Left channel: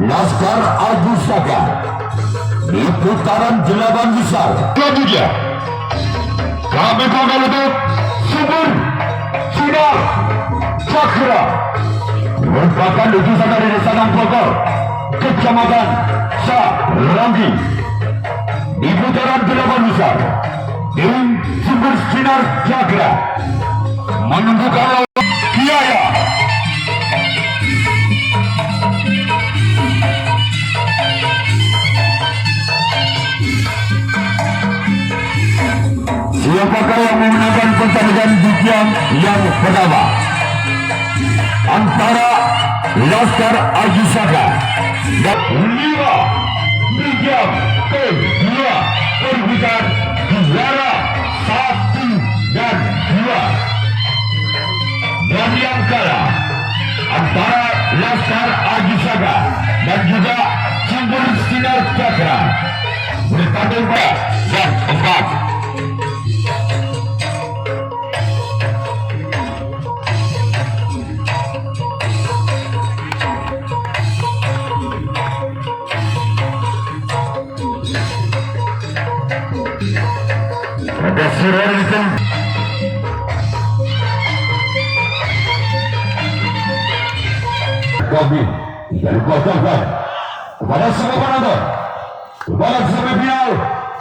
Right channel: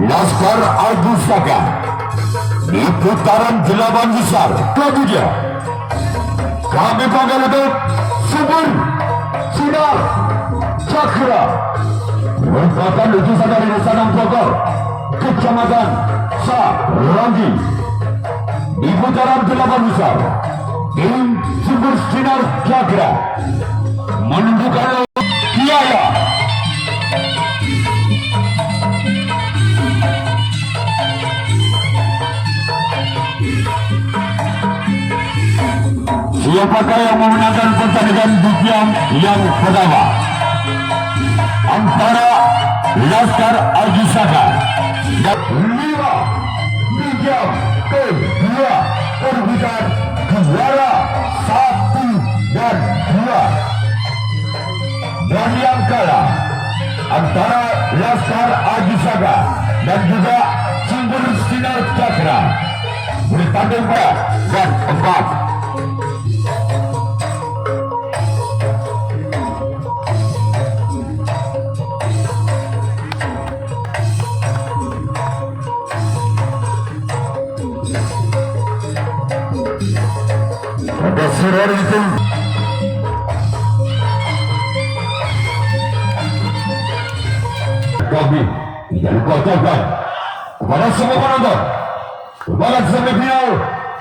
Laskar Aji Saka di putaran 8 besar. Selanjutnya kami panggil untuk Subur Sinar Cakra, merupakan lukisan dari Desa Bogor, Kecamatan Sarangi. Di putaran 8 besar, tim Subur Sinar Cakra menunjukkan lawan Kiaya. Siapakah yang memenangkan pertandingan Bujang yang pertama? Antara Laskar Aji Saka dan 5 Bujang kedua perebutan juara 1 dan 2. Dan yang kalah antara Laskar Aji Saka dan juga Sumber Sinar Cakra bertanding pada yang 4. Ada siren itu. Kami tidak lupa ucapkan kepada semua penonton kembali semifinal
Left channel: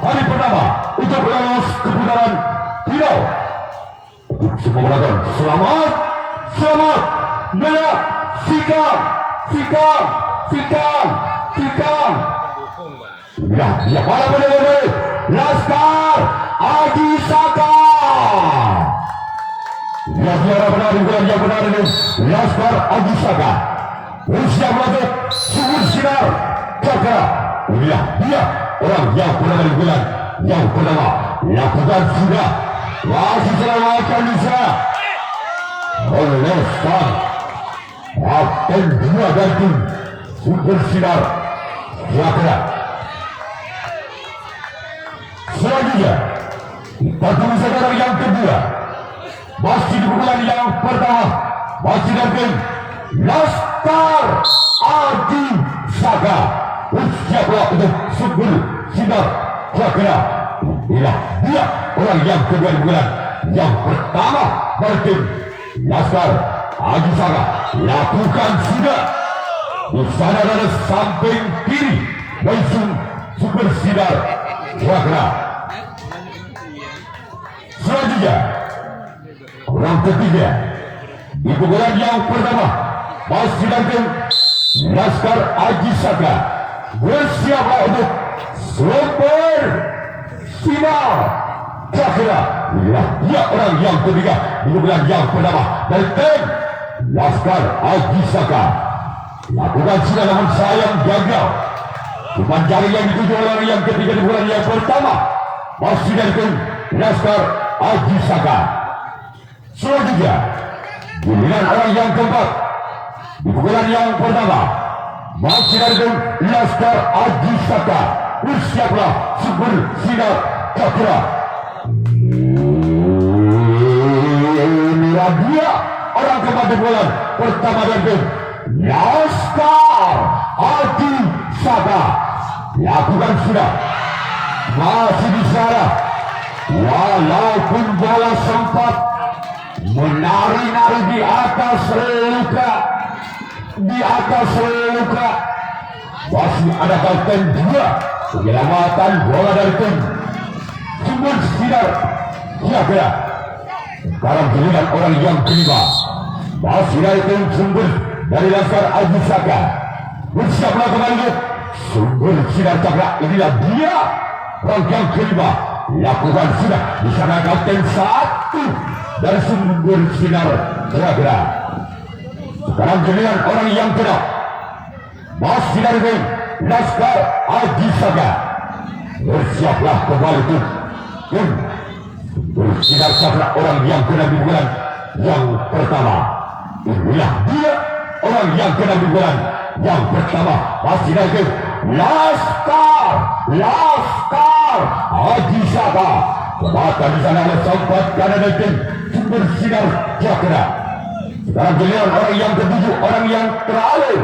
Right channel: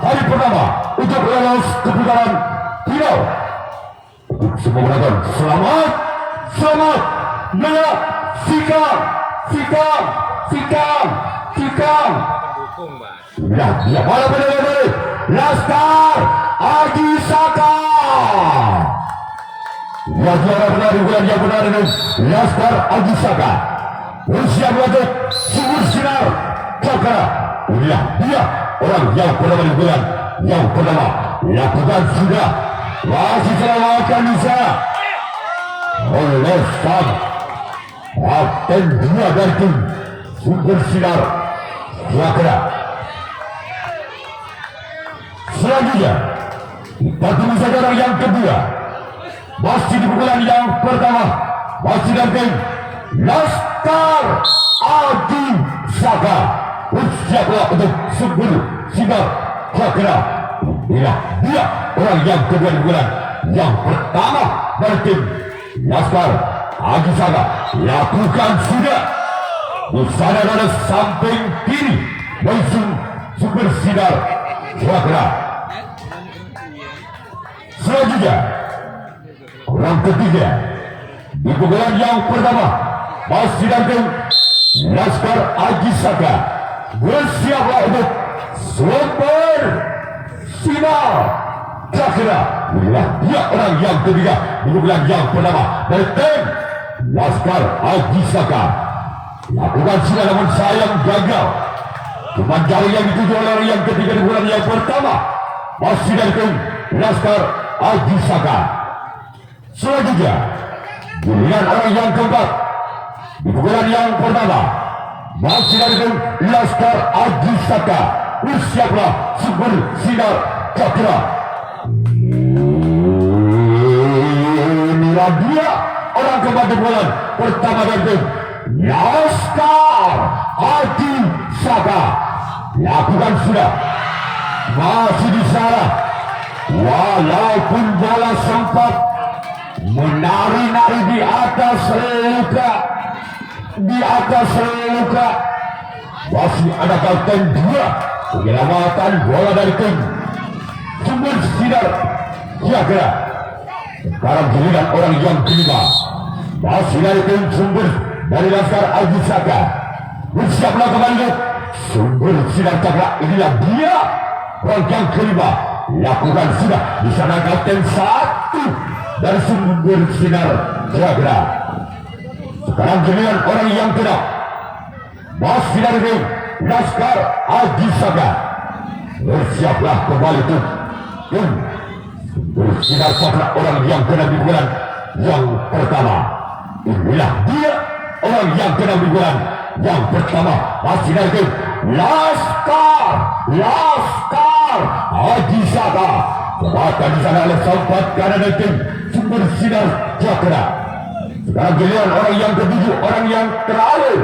hari pertama untuk lolos ke putaran final. Untuk semua penonton selamat menyaksikan. Ya, para penonton Laskar Aji Saka. Ya, juara penari yang benar ini Laskar Aji Saka. Bersiap untuk Subur Sinar Cakra. Inilah dia orang yang pertama di bulan yang pertama. Lakukan sudah masih selamatkan di sana oleh sang Kapten 2 dan tim Subur Sinar Cakra. Selanjutnya kita tunggu saudara yang kedua, masih di bulan yang pertama, masih dari tim Laskar Aji Saka. Bersiaplah untuk Subur Sinar Cakra. Inilah dia orang yang kedua di bulan yang pertama dari tim Laskar Aji Saka. Lakukan sudah di sana ada samping kiri langsung Subur Sinar Cakra. Selanjutnya orang ketiga di pukulan yang pertama masih datang Laskar Aji Saka. Bersiaplah untuk Subur Sinar Cakra. Inilah dia orang yang ketiga di pukulan yang pertama dari tim Laskar Aji Saka. Lakukan sudah namun sayang gagal. Cuma jari yang dituju oleh orang yang ketiga di bulan yang pertama masih dari tim Laskar Aji Saka. Selanjutnya giliran orang yang keempat di pukulan yang pertama masih dari tim Laskar Aji Saka. Bersiaplah Subur Sinar Cakra. Inilah dia orang keempat di pukulan pertama dari tim Laskar Aji Saka. Lakukan sudah masih di sana. Walaupun bola sempat menari-nari di atas luka, masih ada Kapten 2 penyelamatan bola dari tim Subur Sinar Cakra. Sekarang giliran orang yang kelima masih dari tim Subur dari Laskar Aji Saka. Bersiaplah kembali Subur Sinar Cakra. Inilah dia orang yang kelima. Lakukan sudah di sana Kapten 1 dari Subur Sinar Cakra. Sekarang giliran orang yang keenam masih dari tim Laskar Aji Saka. Bersiaplah kembali tuh Subur Sinar Cakra orang yang keenam di bulan yang pertama. Inilah dia orang yang keenam di bulan yang pertama masih dari tim Laskar Aji Saka. Bahkan di sana ada sempat karena dari tim Subur Sinar Cakra. Sekarang giliran orang yang ketujuh, orang yang terakhir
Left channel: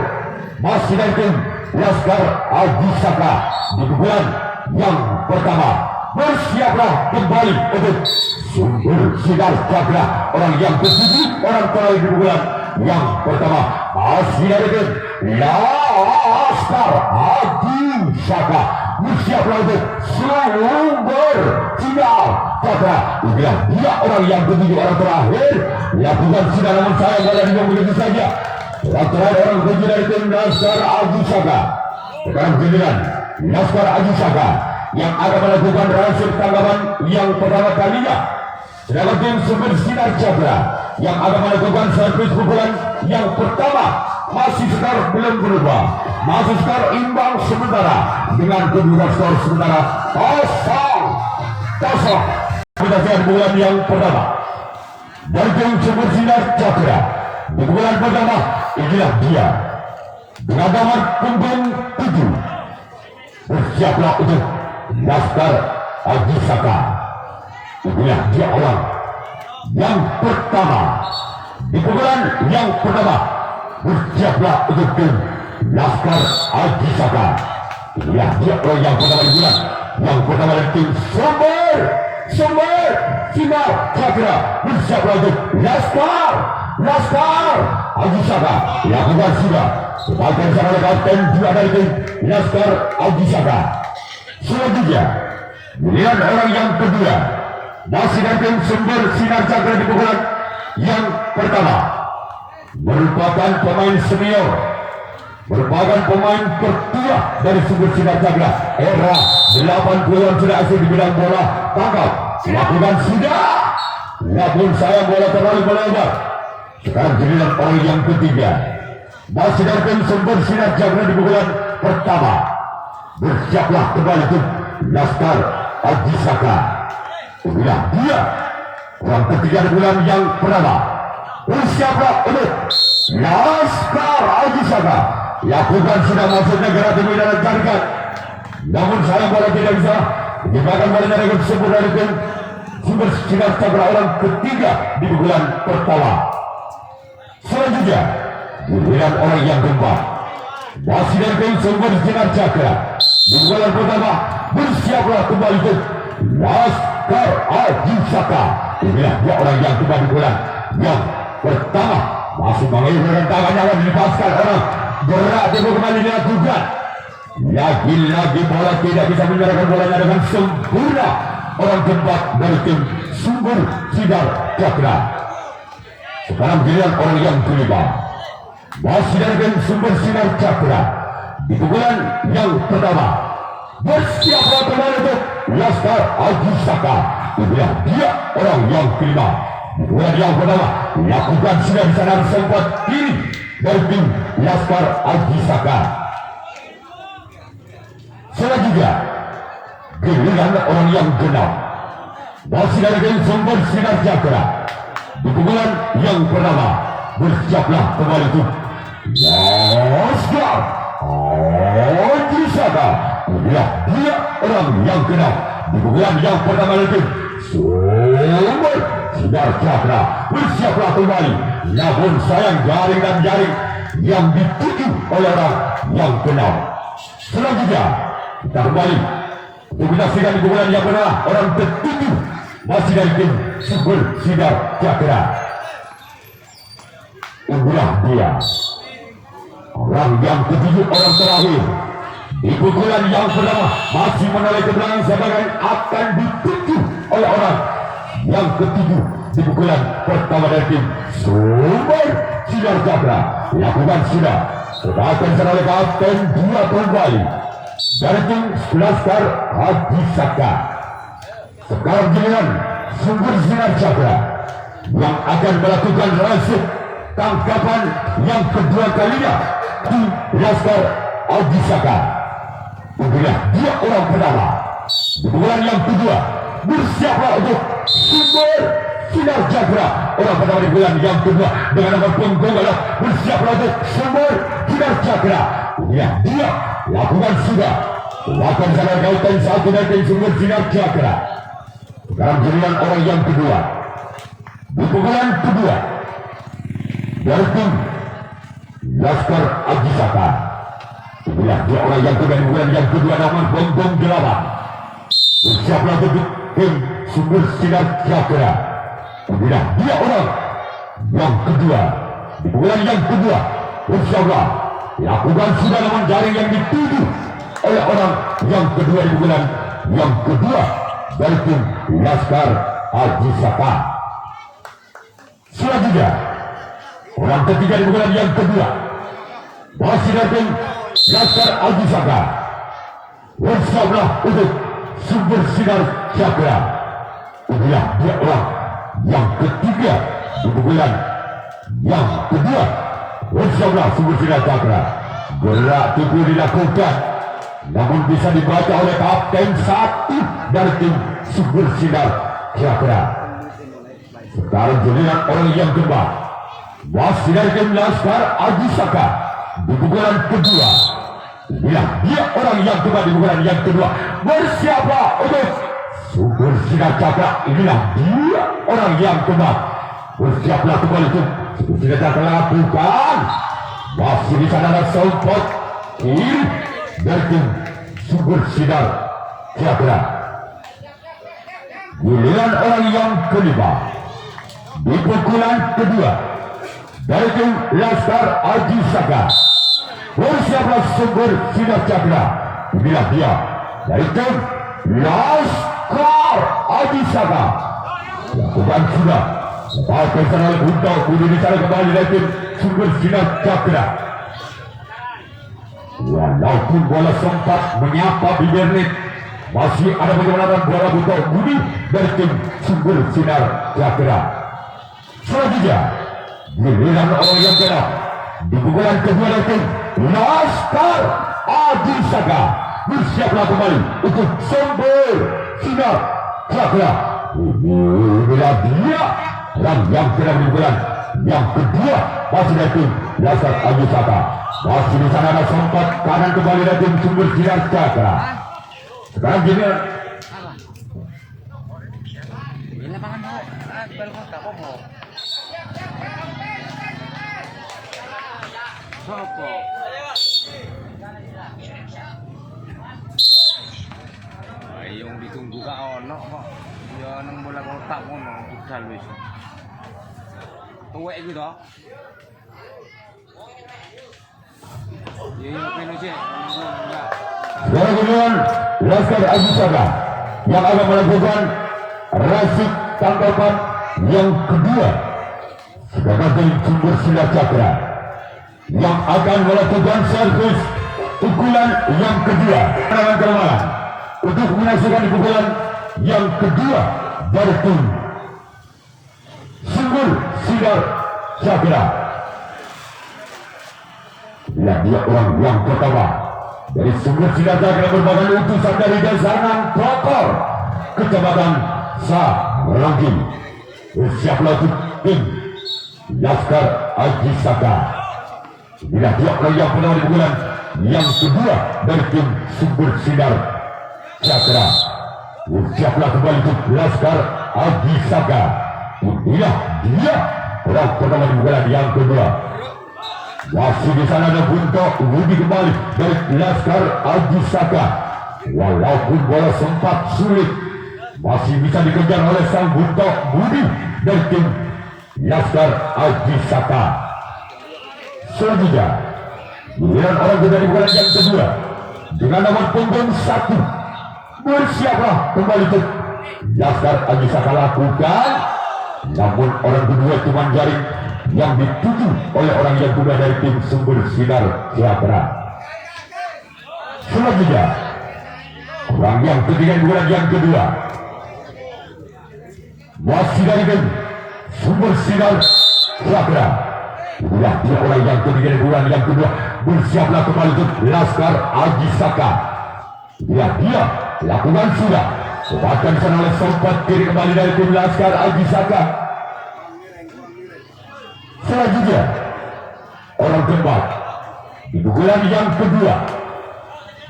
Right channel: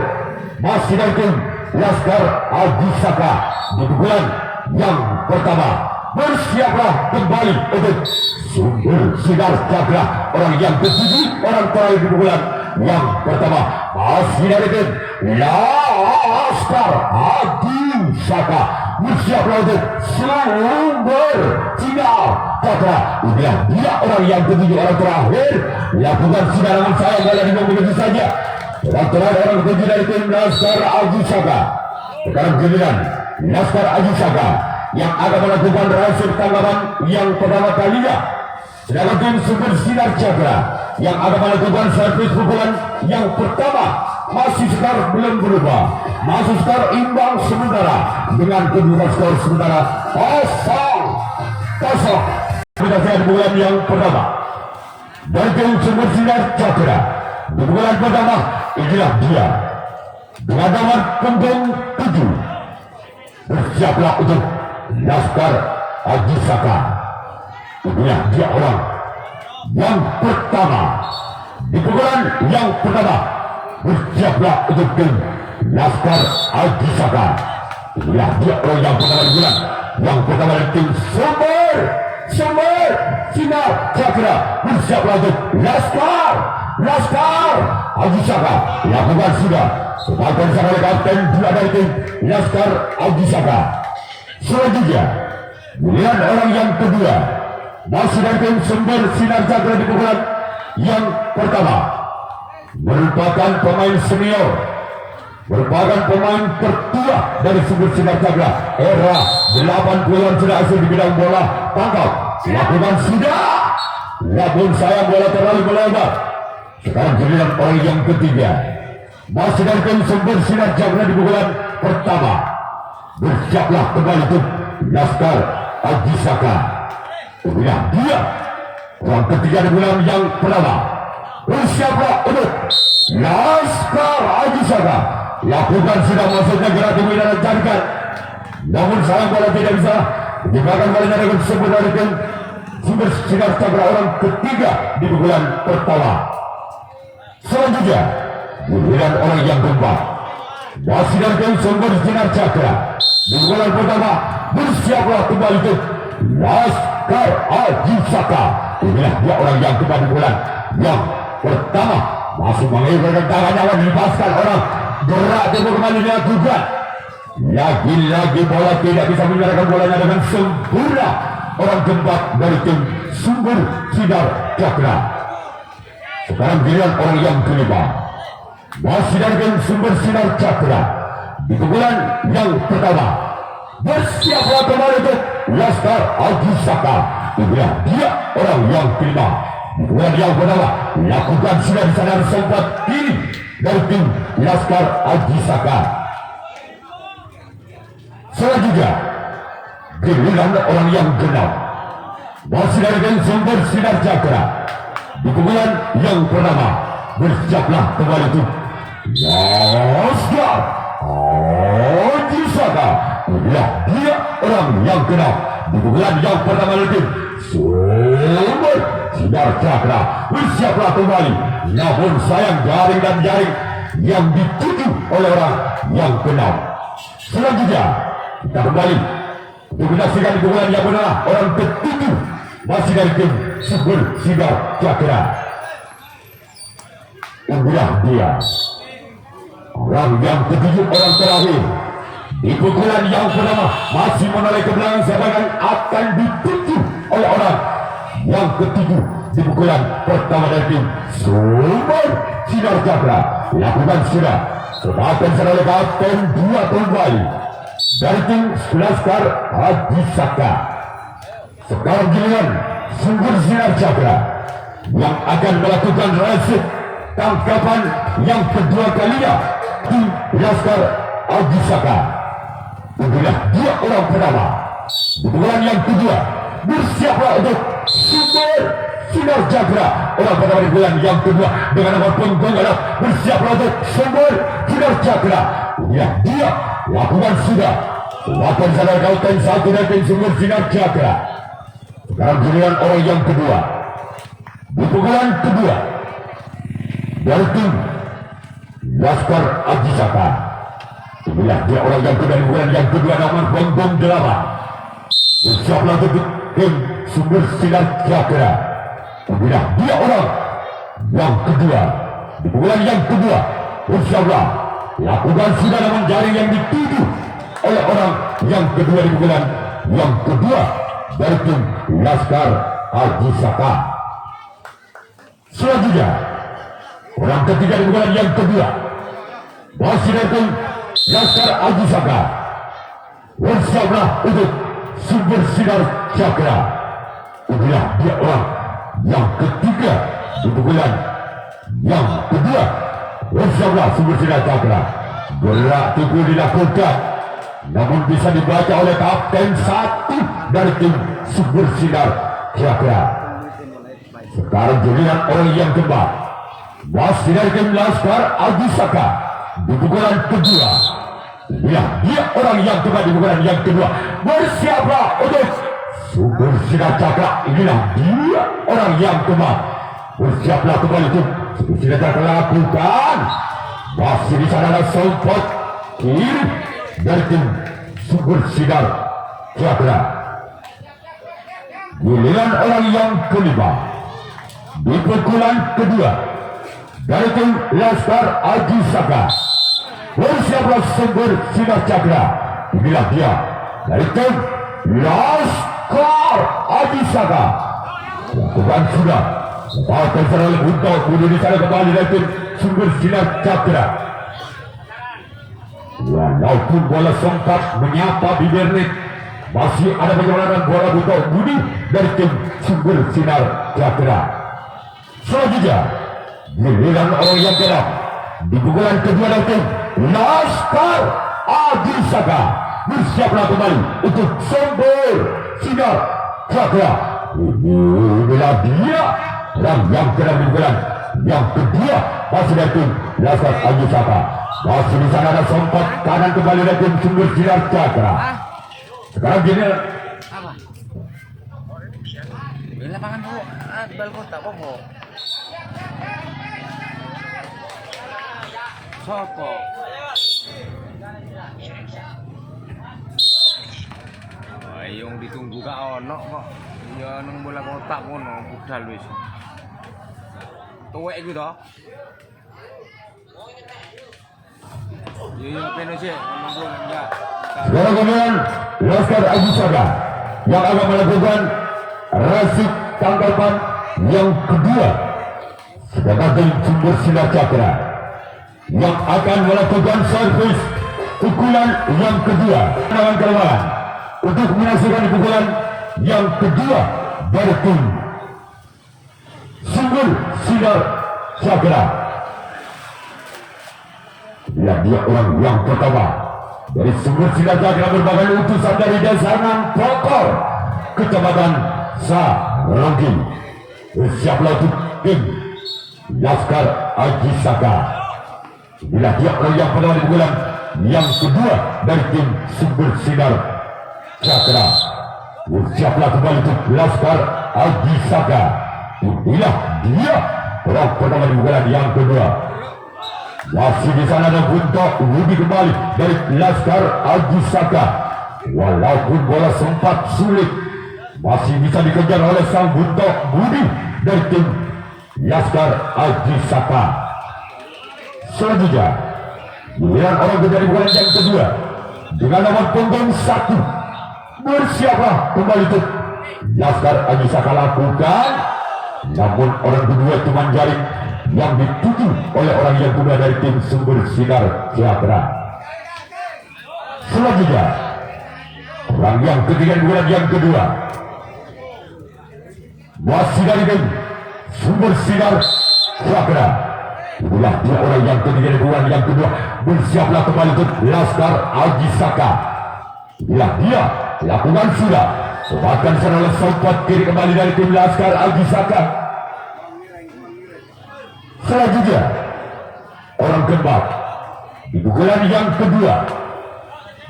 masih dari tim Laskar Adi Saka di pukulan yang pertama. Bersiaplah kembali untuk sumber sinar cakra orang yang ketujuh, orang terakhir di pukulan yang pertama. Masih ada Laskar Adi Saka bersiaplah untuk sumber sinar cakra. Dia orang yang ketujuh, orang terakhir. Lakukan sinaran saya kalau di begitu saja. Orang terakhir, orang ketujuh dari tim Laskar Adi Saka. Sekarang giliran Laskar Adi Saka yang akan melakukan rahasia tanggapan yang pertama kalinya. Sedangkan tim Super Sinar Cakra yang akan melakukan servis pukulan yang pertama. Masih skor belum berubah, masih skor imbang sementara dengan kedua skor sementara 0-0. Kita lihat pukulan yang pertama dari tim Super Sinar Cakra. Di pukulan pertama inilah dia dengan nomor punggung 7. Bersiaplah untuk Laskar Adi Saka. Inilah dia orang yang pertama. Di pukulan yang pertama bersiaplah untuk tim Laskar Adi Saka. Inilah dia orang yang pertama di bulan yang pertama dari tim Sumber Sinar Cakra. Bersiaplah untuk Laskar Adi Saka. Lakukan sudah sebagai sama oleh kapten dua dari tim Laskar Adi Saka. Selanjutnya giliran orang yang kedua masih dari tim Sumber Sinar Cakra di pukulan yang pertama. Merupakan pemain senior, merupakan pemain tertua dari Sumber Sinar Cakra. Era 80-an sudah asing di bidang bola tangkap. Lakukan sudah. Namun saya bola terlalu melebar. Sekarang giliran orang yang ketiga masih dari tim Sumber Sinar Cakra di pukulan pertama. Bersiaplah kembali untuk Laskar Adi Saka. Inilah dia orang ketiga di bulan yang pertama. Bersiaplah untuk Laskar Adi Saka. Lakukan sudah masuk negara demi dan carikan. Namun sayang bola tidak bisa diberikan bola dari tersebut dari tim Sumber Sinar Cakra orang ketiga di bulan pertama. Selanjutnya giliran orang yang keempat masih dari tim Sumber Sinar Cakra di bulan pertama. Bersiaplah kembali untuk Laskar Adi Saka. Inilah dia orang yang keempat di bulan yang pertama. Masih mengirimkan tangannya dan dilepaskan orang gerak di kembali dilakukan. Lagi-lagi bola tidak bisa menyerahkan bolanya dengan sempurna. Orang keempat dari tim Sumber Sinar Cakra. Sekarang giliran orang yang kelima masih dari tim Sumber Sinar Cakra di pukulan yang pertama. Bersiaplah kembali untuk Laskar Adi Saka. Inilah dia orang yang kelima di pukulan yang pertama. Lakukan sudah bisa dari sempat kiri dari tim Laskar Adi Saka. Selanjutnya giliran orang yang genap masih dari tim Sumber Sinar Cakra di pukulan yang pertama. Bersiaplah kembali untuk Laskar Adi Saka. Inilah dia orang yang genap di pukulan yang pertama dari tim Sumber Sinar Cakra. Bersiaplah kembali. Namun sayang jaring dan jaring yang dituju oleh orang yang genap. Selanjutnya kita kembali untuk menyaksikan di pukulan yang pertama orang ketujuh masih dari tim Sumber Sinar Cakra. Inilah dia orang yang ketujuh, orang terakhir di pukulan yang pertama. Masih menoleh ke belakang sebagai akan dituju oleh orang yang ketujuh di pukulan pertama dari tim Sumber Sinar Cakra. Lakukan sudah sebagai oleh kapten dua kembali dari tim Laskar Adi Saka. Sekarang giliran Sumber Sinar Cakra yang akan melakukan rahasia tangkapan yang kedua kalinya di Laskar Adi Saka. Inilah dia orang pertama di bulan yang kedua. Bersiaplah untuk Sumber Sinar Cakra orang pertama di bulan yang kedua dengan nomor punggung adalah bersiaplah untuk Sumber Sinar Cakra. Inilah dia. Lakukan sudah. Lakukan salah kautan satu dari tim Sumber Sinar Cakra. Sekarang giliran orang yang kedua di pukulan kedua dari tim Laskar Adi Saka. Inilah dia orang yang kedua bukan yang kedua nomor punggung 8. Bersiaplah untuk tim Sumber Sinar Cakra. Inilah dia orang yang kedua di bulan yang kedua. Bersiaplah lakukan sudah lawan jaring yang dituju oleh orang yang kedua di bulan yang kedua dari tim Laskar Ajisaka. Selanjutnya orang ketiga di bulan yang kedua masih dari tim Laskar Ajisaka. Bersiaplah untuk Sumber Sinar Cakra. Inilah dia orang yang ketiga di bulan yang kedua. Bersiaplah Sumber Sinar Cakra. Gerak tubuh dilakukan, namun bisa dibaca oleh kapten satu dari tim Sumber Sinar Cakra. Sekarang giliran orang yang kedua masih dari tim Laskar Ajisaka di pukulan kedua. Inilah dia orang yang kedua di pukulan yang kedua. Bersiaplah untuk Sumber Sinar Cakra. Inilah dia orang yang kedua. Bersiaplah kembali itu Sumber Sinar Cakra lakukan. Masih di sana ada sempat kiri dari tim Sumber Sinar Cakra. Giliran orang yang kelima di pukulan kedua dari tim Laskar Ajisaka. Bersiaplah Sumber Sinar Cakra. Inilah dia dari tim Laskar Ajisaka. Lakukan sudah. Lepas serangan untuk bunuh di sana kembali dari tim Sumber Sinar Cakra. Walaupun bola sempat menyapa bibir net, masih ada perjalanan bola butuh budi dari tim Sumber Sinar Cakra. Selanjutnya giliran orang yang kedua di pukulan kedua dari tim Laskar Ajisaka. Bersiaplah kembali untuk Sumber Sinar Cakra. Inilah dia orang yang kedua di pukulan yang kedua masih dari tim Laskar Ajisaka. Masih di sana ada sempat kanan kembali dari tim Sumber Sinar Cakra. Sekarang gini yang ditunggu gak ono kok. Ya nang bola kotak ngono budal wis. Tuwek iki to. Ya kene sih. sekarang kemudian Laskar Ajisaka yang akan melakukan rasik tangkapan yang kedua sebagai tim Sumber Sinar Cakra yang akan melakukan servis pukulan yang kedua dengan kelemahan untuk menyaksikan pukulan yang kedua dari tim Sumber Sinar Cakra. Ya, dia orang yang pertama dari Sumber Sinar Cakra merupakan utusan dari Desanan Prokor Kecamatan Saranggi. Bersiaplah untuk tim Laskar Ajisaka. Inilah dia orang yang pertama di pukulan yang kedua dari tim Sumber Sinar Cakra. Bersiaplah kembali untuk Laskar Ajisaka. Inilah dia orang pertama di pukulan yang kedua. Masih di sana ada Bunto Budi kembali dari Laskar Ajisaka. Walaupun bola sempat sulit, masih bisa dikejar oleh sang Bunto Budi dari tim Laskar Ajisaka. Selanjutnya giliran orang kedua di bulan yang kedua dengan nomor punggung 1. Bersiaplah kembali untuk Laskar Ajisaka lakukan. Namun orang kedua cuma jaring yang dituju oleh orang yang kedua dari tim Sumber Sinar Cakra. Selanjutnya orang yang ketiga di bulan yang kedua masih dari tim Sumber Sinar Cakra. Inilah dia orang yang ketiga di bulan yang kedua. Bersiaplah kembali untuk Laskar Ajisaka. Inilah dia lakukan sudah. Bahkan serangan sempat kiri kembali dari tim Laskar Ajisaka. Selanjutnya orang keempat di pukulan yang kedua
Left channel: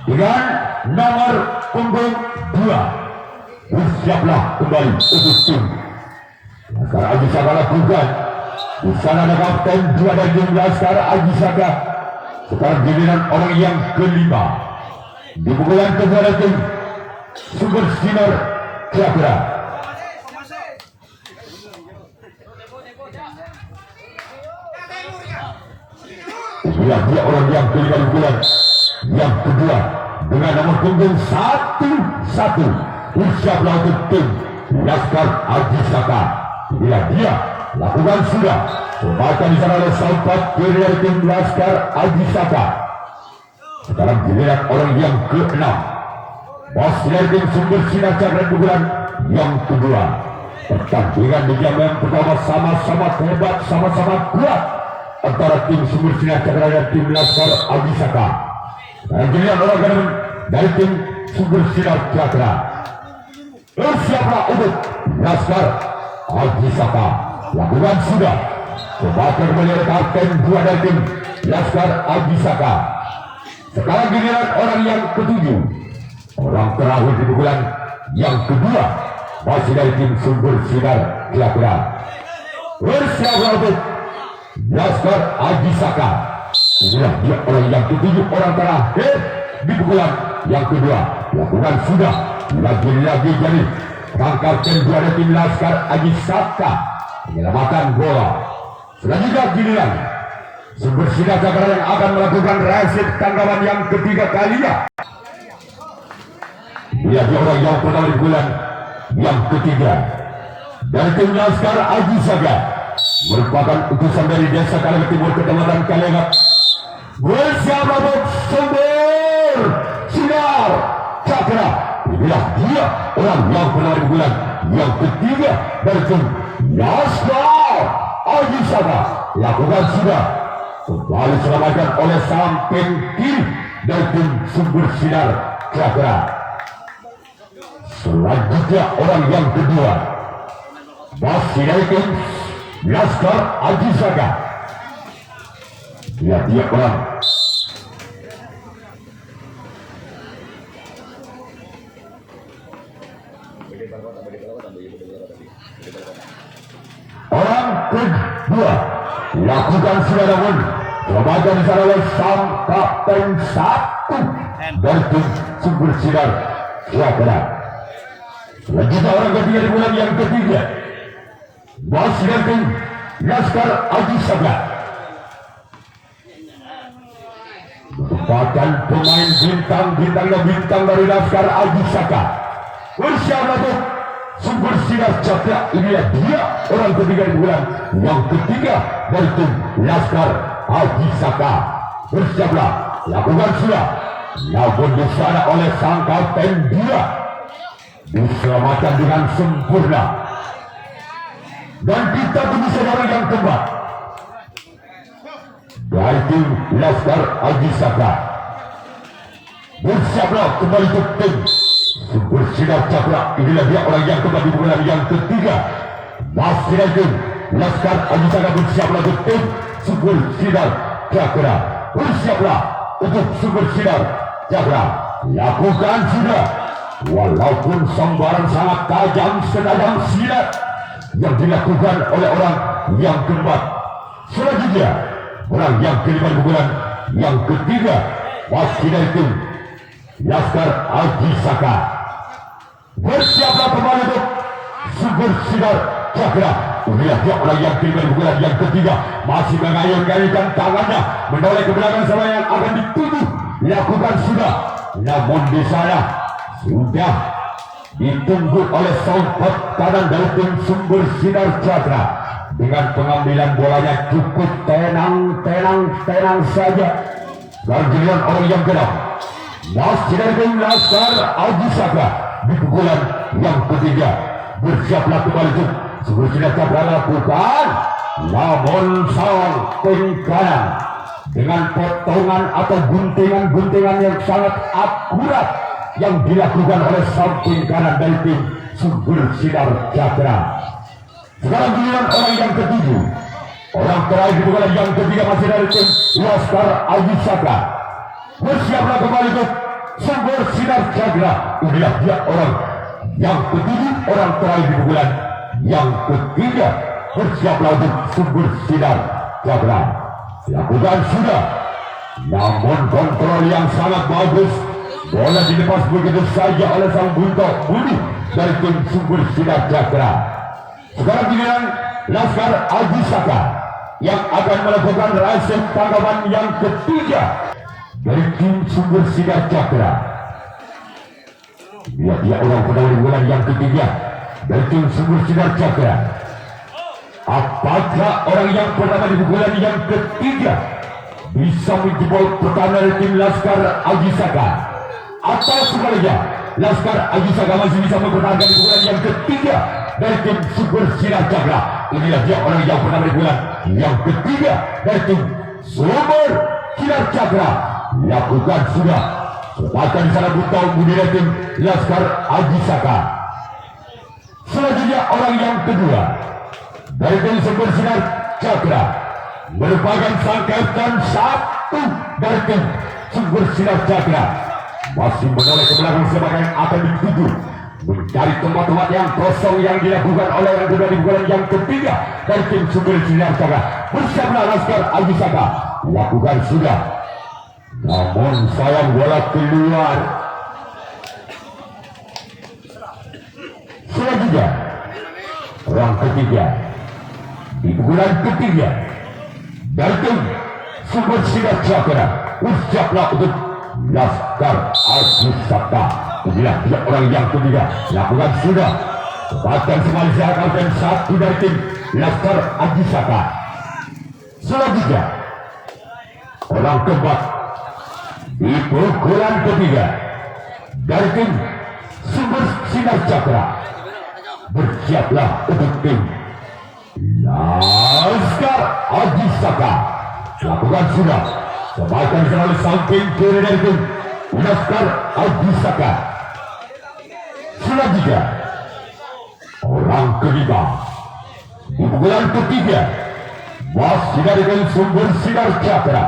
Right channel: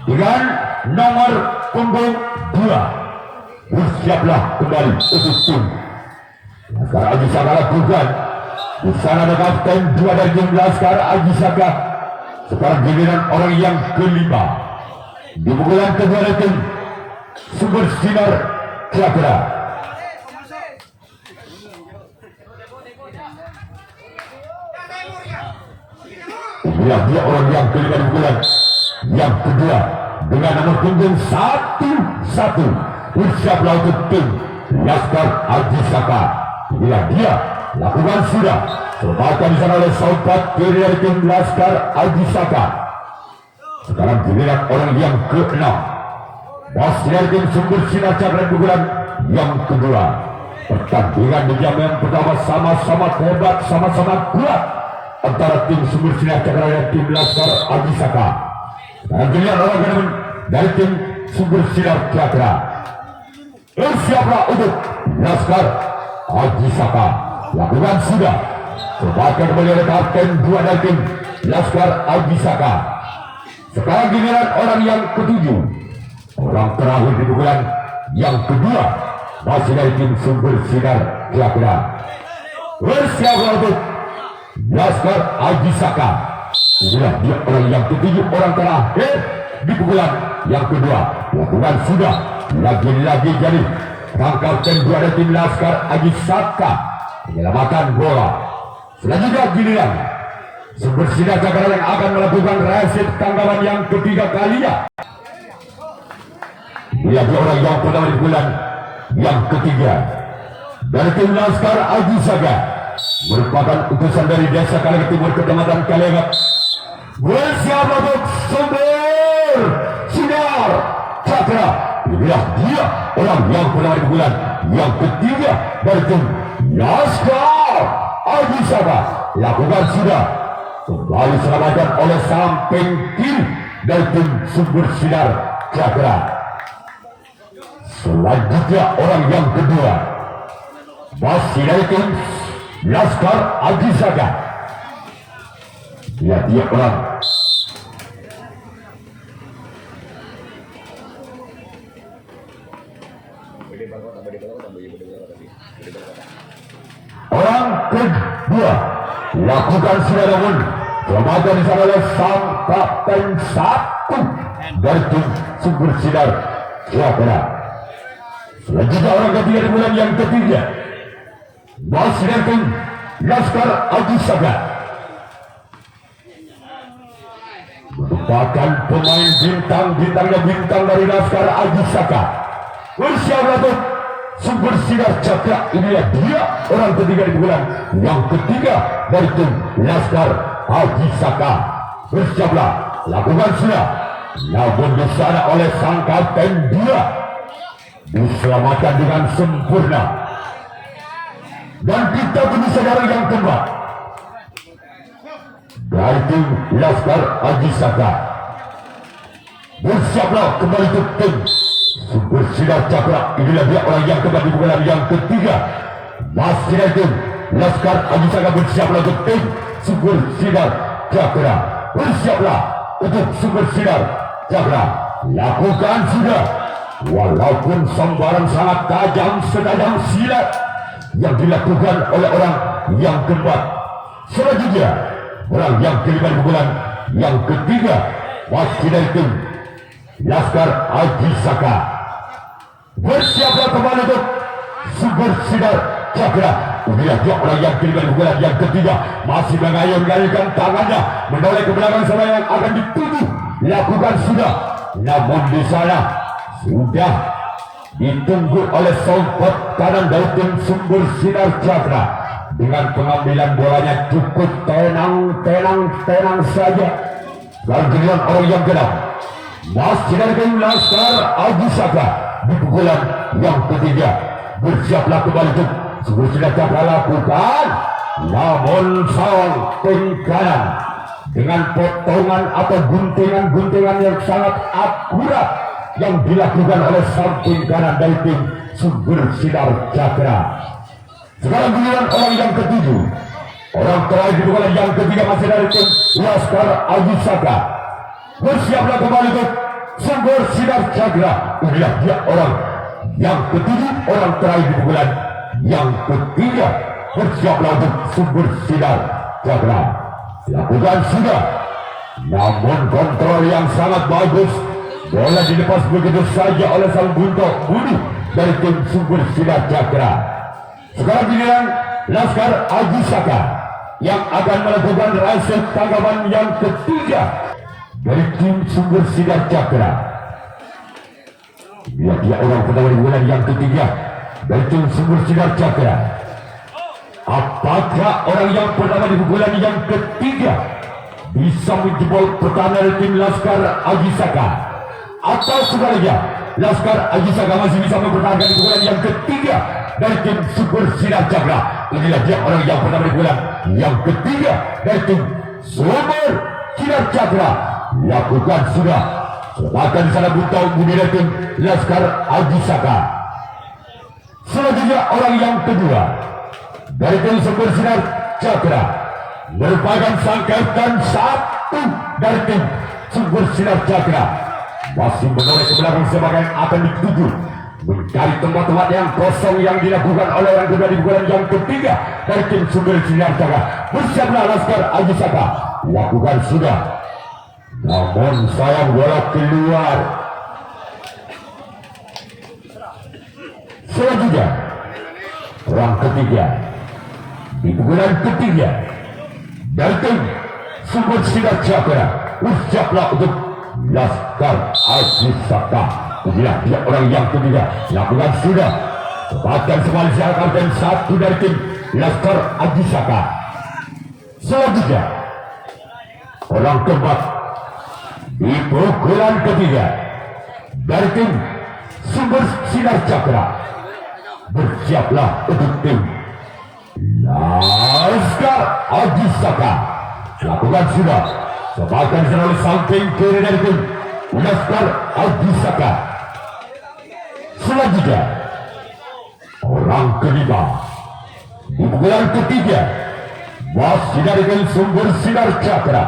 dengan nomor punggung 2. Bersiaplah kembali untuk tim Laskar Ajisaka lakukan. Di sana ada kapten 2 dari tim Laskar Ajisaka. Sekarang giliran orang yang kelima. Di pukulan kedua dari tim Sumber Sinar Cakra. Inilah dia orang yang kelima di pukulan yang kedua dengan nomor punggung 11. Bersiaplah untuk tim Laskar Aji Saka. Inilah dia lakukan sudah sebagian di sana oleh sahabat kiri dari tim Laskar Aji Saka. Sekarang giliran orang yang ke-6. Bos dari tim Sumber Sinar Cakra pukulan yang kedua. Pertandingan di jam yang pertama sama-sama hebat, sama-sama kuat antara tim Sumber Sinar Cakra dan tim Laskar Aji Saka. Sekarang giliran orang ke-6 dari tim Sumber Sinar Cakra. Bersiaplah untuk Laskar Aji Saka. Lakukan sudah sebagai melihat kapten dua dari tim Laskar Aji Saka. Sekarang giliran orang yang ke-7. Orang terakhir di pukulan yang kedua masih dari tim Sumber Sinar Cakra. Bersiaplah untuk Laskar Aji Saka. Inilah dia orang yang ke-7, orang terakhir di pukulan yang kedua. Lakukan sudah lagi-lagi jadi rangkap kedua dari tim Laskar Aji Saka menyelamatkan bola. Selanjutnya giliran Sumber Sinar Cakra yang akan melakukan resep tanggapan yang ketiga kalinya. Dia orang yang pertama di bulan yang ketiga dari tim Laskar Aji Saka, merupakan utusan dari desa Kalengat Timur, kecamatan Kalengat. Bersiaplah untuk Sumber Sinar Cakra. Inilah dia orang yang pertama di bulan yang ketiga dari tim Laskar Aji Saka. Lakukan sudah kembali selamatkan oleh samping kiri dari tim Sumber Sinar Cakra. Selanjutnya orang yang kedua masih dari tim Laskar Aji Saka. Dia orang kedua lakukan sudah, namun selamatkan di sana oleh sang kapten 1 dari tim Sumber Sinar Cakra. Selanjutnya orang ketiga di bulan yang ketiga masih dari tim Laskar Aji Saka, merupakan pemain bintang dari Laskar Aji Saka. Bersiaplah untuk Sumber Sinar Cakra. Inilah dia orang ketiga di bulan yang ketiga dari tim Laskar Aji Saka. Bersiaplah, lakukan sudah, namun di sana oleh sang kapten dia diselamatkan dengan sempurna. Dan kita tunggu saudara yang keempat dari tim Laskar Aji Saka. Bersiaplah kembali ke tim Sumber Sinar Cakra. Inilah dia orang yang keempat di bulan yang ketiga. Masih dari tim Laskar Aji Saka. Bersiaplah ke tim Sumber Sinar Cakra. Bersiaplah untuk Sumber Sinar Cakra. Lakukan sudah, walaupun sambaran sangat tajam setajam silat yang dilakukan oleh orang yang keempat. Selanjutnya orang yang kelima di bulan yang ketiga masih dari tim Laskar Aji Saka. Bersiaplah kembali untuk Sumber Sinar Cakra. Inilah dia orang yang kelima di bulan yang ketiga, masih mengayun-ayunkan tangannya menoleh ke belakang sama yang akan dituju. Lakukan sudah, namun di sana sudah ditunggu oleh sompot kanan dari tim Sumber Sinar Cakra. Dengan pengambilan bolanya cukup tenang saja. Lalu giliran orang yang genap masih dari tim Laskar Aji Saka di pukulan yang ketiga. Bersiaplah kembali untuk Sumber Sinar Cakra. Lakukan, namun samping kanan dengan potongan atau guntingan yang sangat akurat yang dilakukan oleh samping kanan dari tim Sumber Sinar Cakra. Sekarang giliran orang yang ketujuh, orang terakhir di bulan yang ketiga masih dari tim Laskar Aji Saka. Bersiaplah kembali ke Sumber Sinar Cakra. Inilah dia orang yang ketujuh, orang terakhir di bulan yang ketiga. Bersiaplah untuk Sumber Sinar Cakra. Lakukan sudah, Namun kontrol yang sangat bagus. Bola dilepas begitu saja oleh sang buntok Budi dari tim Sumber Sinar Cakra. Sekarang giliran Laskar Aji Saka yang akan melakukan race tanggapan yang ketiga dari tim Sumber Sinar Cakra. Dia orang pertama di bulan yang ketiga dari tim Sumber Sinar Cakra. Apakah orang yang pertama di bulan yang ketiga bisa menjebol pertahanan tim Laskar Aji Saka? Atau sebaliknya Laskar Aji Saka masih bisa mempertahankan di bulan yang ketiga dari tim Sumber Sinar Cakra? Inilah dia orang yang pertama di bulan yang ketiga dari tim Sumber Sinar Cakra. Lakukan sudah kesempatan di sana buntau budaya tim Laskar Aji Saka. Selanjutnya orang yang kedua dari tim Sumber Sinar Cakra merupakan sang kapten satu dari tim Sumber Sinar Cakra. Masih menoleh ke belakang sebagai yang akan dituju mencari tempat-tempat yang kosong yang dilakukan oleh orang kedua di bulan yang ketiga dari tim Sumber Sinar Cakra. Bersiaplah Laskar Aji Saka. Lakukan sudah. Namun sayang bola keluar. Selanjutnya orang ketiga di bulan ketiga dari tim Sumber Sinar Cakra. Bersiaplah untuk Laskar Aji Saka. Inilah dia orang yang ketiga. Lakukan sudah. Kesempatan semua siapkan satu dari tim Laskar Aji Saka. Selanjutnya orang keempat di pukulan ketiga dari tim Sumber Sinar Cakra. Bersiaplah untuk tim Laskar Aji Saka. Lakukan sudah. Sebagian selalu samping kiri dari tim Laskar Aji Saka. Selanjutnya orang kelima di pukulan ketiga masih dari tim Sumber Sinar Cakra.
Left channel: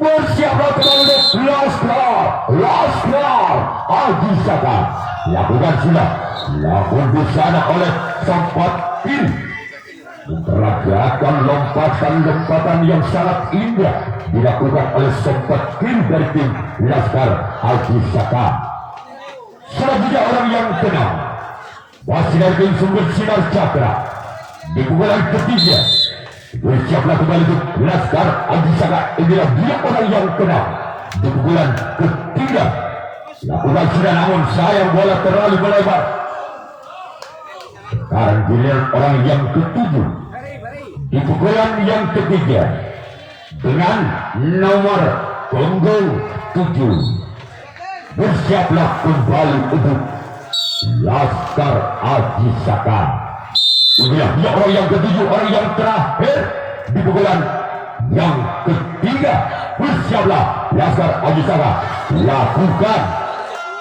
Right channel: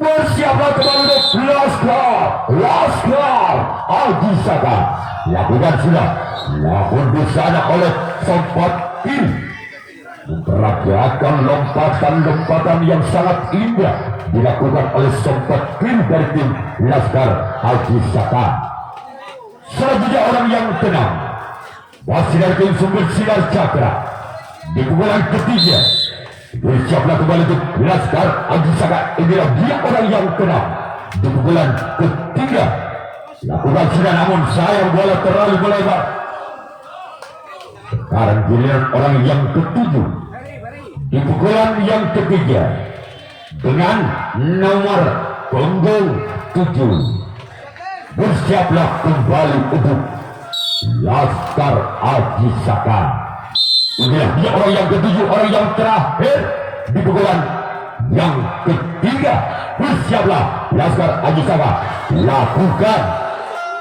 Bersiaplah kembali Laskar Aji Saka. Lakukan sudah. Namun di sana oleh sempat kiri memperagakan lompatan yang sangat indah dilakukan oleh sempat kiri dari tim Laskar Aji Saka. Selanjutnya orang yang keenam masih dari tim Sumber Sinar Cakra di pukulan ketiga. Bersiaplah kembali untuk Laskar Aji Saka. Inilah dia orang yang keenam di pukulan ketiga. Lakukan sudah, namun sayang bola terlalu melebar. Sekarang giliran orang yang ketujuh di pukulan yang ketiga dengan nomor punggung 7. Bersiaplah kembali untuk Laskar Aji Saka. Inilah dia orang yang ketujuh, orang yang terakhir di pukulan yang ketiga. Bersiaplah Laskar Aji Saka. Lakukan.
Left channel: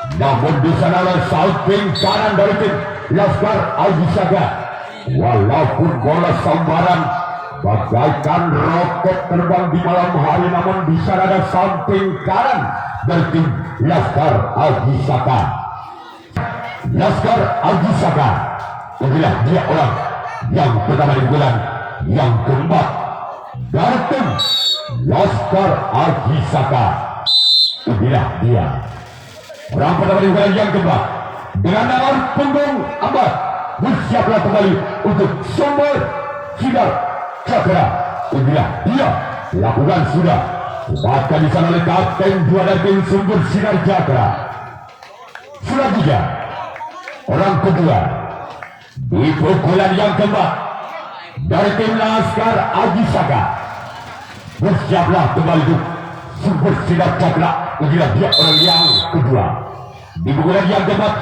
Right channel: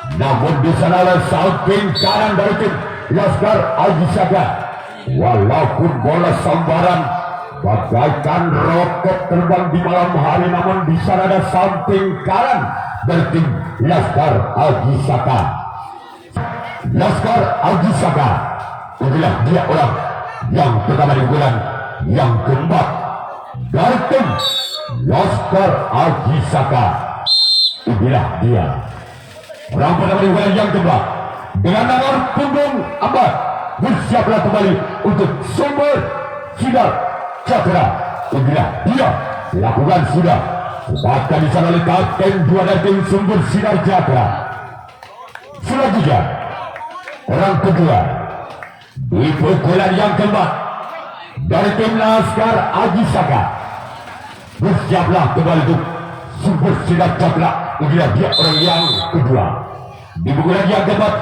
Namun di sana ada samping kanan dari tim Laskar Aji Saka. Walaupun bola sambaran bagaikan roket terbang di malam hari, namun di sana ada samping kanan dari tim Laskar Aji Saka. Laskar Aji Saka. Inilah dia orang yang pertama di bulan yang keempat dari tim Laskar Aji Saka. Inilah dia orang pertama di bulan yang keempat dengan nomor punggung 4. Bersiaplah kembali untuk Sumber Sinar Cakra. Inilah dia. Lakukan sudah. Sebabkan di sana oleh kapten 2 dari tim Sumber Sinar Cakra. Selanjutnya orang kedua di pukulan yang keempat dari tim Laskar Aji Saka. Bersiaplah kembali untuk Sumber Sinar Cakra. Inilah dia orang yang kedua di pukulan yang keempat.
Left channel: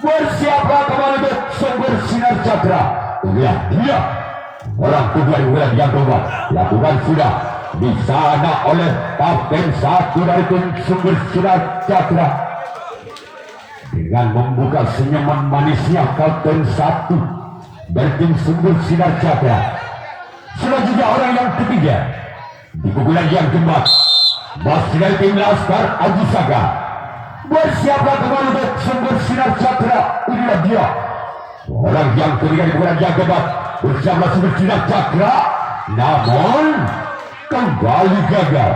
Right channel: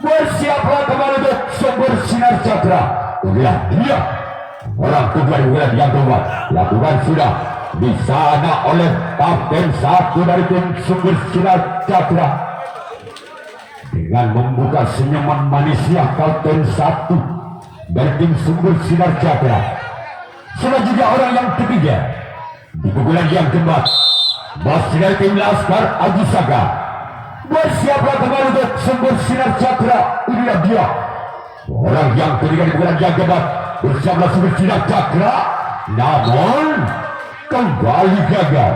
Bersiaplah kembali untuk Sumber Sinar Cakra. Inilah dia orang kedua di bulan yang keempat. Lakukan sudah di sana oleh kapten 1 dari tim Sumber Sinar Cakra dengan membuka senyuman manisnya kapten 1 dari tim Sumber Sinar Cakra. Selanjutnya orang yang ketiga di pukulan yang keempat masih dari tim Laskar Aji Saka. Bersiaplah kembali untuk Sumber Sinar Cakra. Inilah dia orang yang ketiga di bulan yang keempat. Bersiaplah Sumber Sinar Cakra, namun kembali gagal.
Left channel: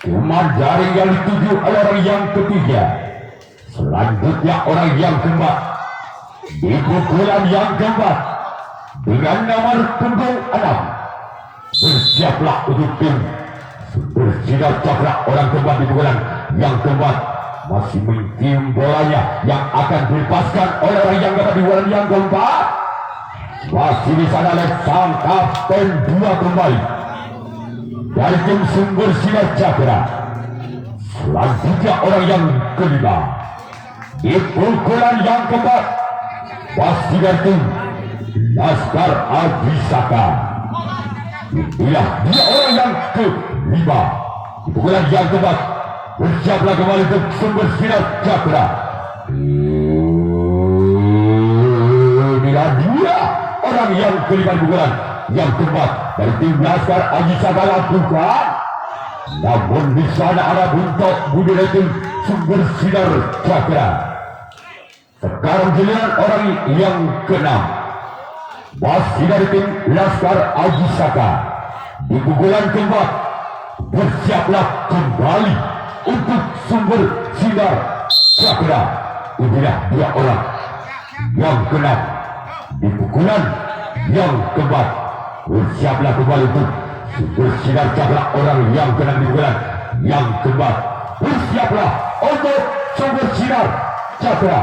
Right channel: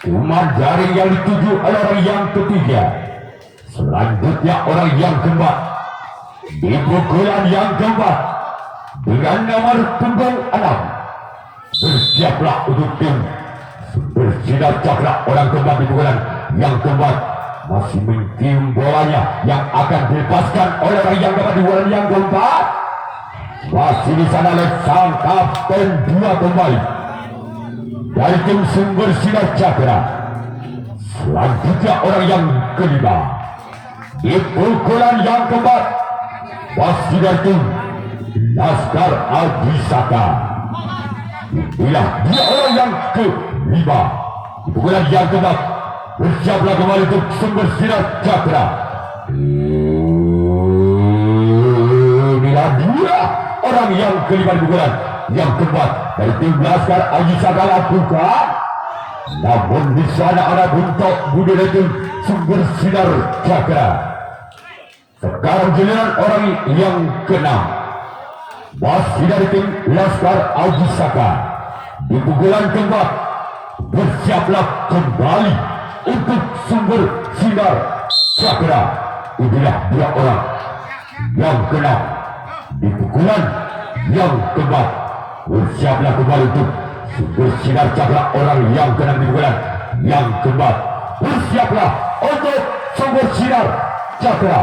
Cuma jaring yang dituju oleh orang yang ketiga. Selanjutnya orang yang keempat. Di pukulan yang keempat dengan nomor punggung 6. Bersiaplah untuk tim bersinar cakra orang keempat di pukulan yang keempat. Masih mengkirim bolanya yang akan dilepaskan oleh orang yang dapat di pukulan yang keempat. Masih di sana oleh sang kapten 2 kembali dari tim sumber sinar cakra. Selanjutnya orang yang kelima di pukulan yang keempat masih dari tim Laskar Abhisaka. Inilah dia orang yang kelima di pukulan yang keempat. Bersiaplah kembali untuk sumber sinar cakra. Inilah dia orang yang kelima di pukulan yang keempat dari tim Laskar Abhisaka lakukan. Namun di sana ada buntok budi dari tim sumber sinar cakra. Sekarang giliran orang yang keenam masih dari tim Laskar Abhisaka di pukulan keempat. Bersiaplah kembali untuk sumber sinar cakra. Inilah dia orang yang keenam di pukulan yang keempat. Bersiaplah kembali untuk sumber sinar cakra orang yang keenam di pukulan yang keempat. Bersiaplah untuk sumber sinar cakra.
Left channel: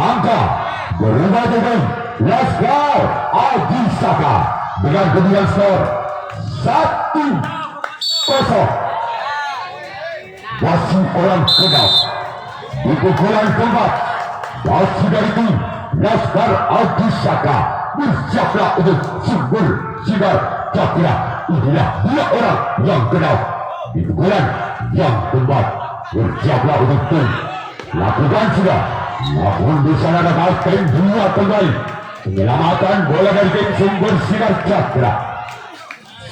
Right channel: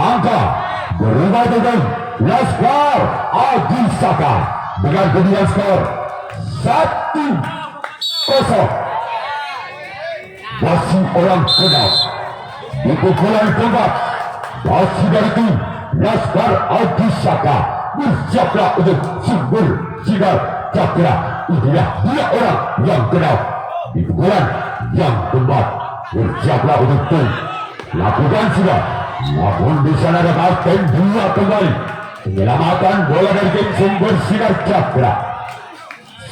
Angka berubah dengan Laskar Abhisaka dengan kedudukan skor 1-0. Masih orang keenam di pukulan keempat masih dari tim Laskar Abhisaka. Bersiaplah untuk sumber sinar cakra. Inilah dia orang yang keenam di pukulan yang keempat. Bersiaplah untuk tim lakukan sudah. Namun di sana ada kapten 2 kembali. Penyelamatan bola dari tim sumber sinar cakra.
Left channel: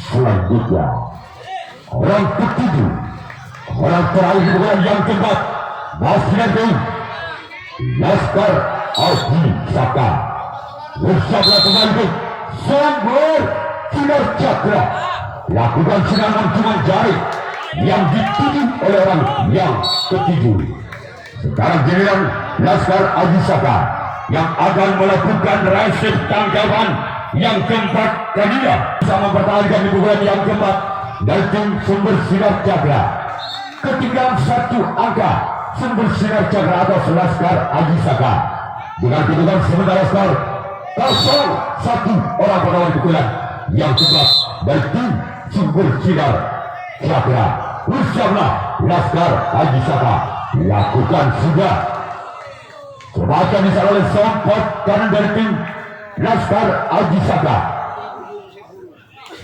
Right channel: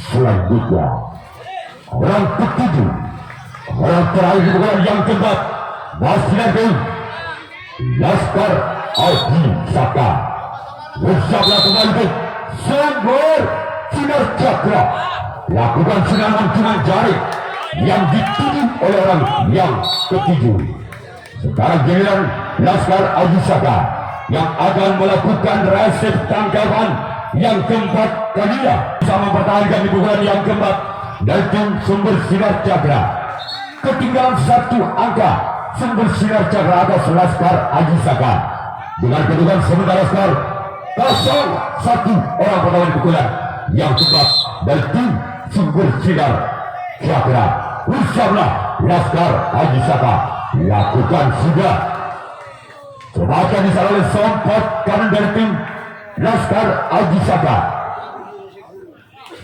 Selanjutnya orang ketujuh, orang terakhir di pukulan yang keempat masih dari tim Laskar Abhisaka. Bersiaplah kembali untuk sumber sinar cakra. Lakukan siraman cuma jaring yang dituju oleh orang yang ketujuh. Sekarang giliran Laskar Abhisaka yang akan melakukan resep tangkapan yang keempat kalinya sama mempertahankan di pukulan yang keempat dari tim sumber sinar cakra. Ketinggalan 1 angka sumber sinar cakra atas Laskar Abhisaka dengan kedudukan sementara skor 0-1 orang pertama di pukulan yang keempat dari tim sumber sinar cakra. Bersiaplah Laskar Abhisaka. Lakukan sudah. Sebagian disalah oleh sompot kanan dari tim Laskar Abhisaka.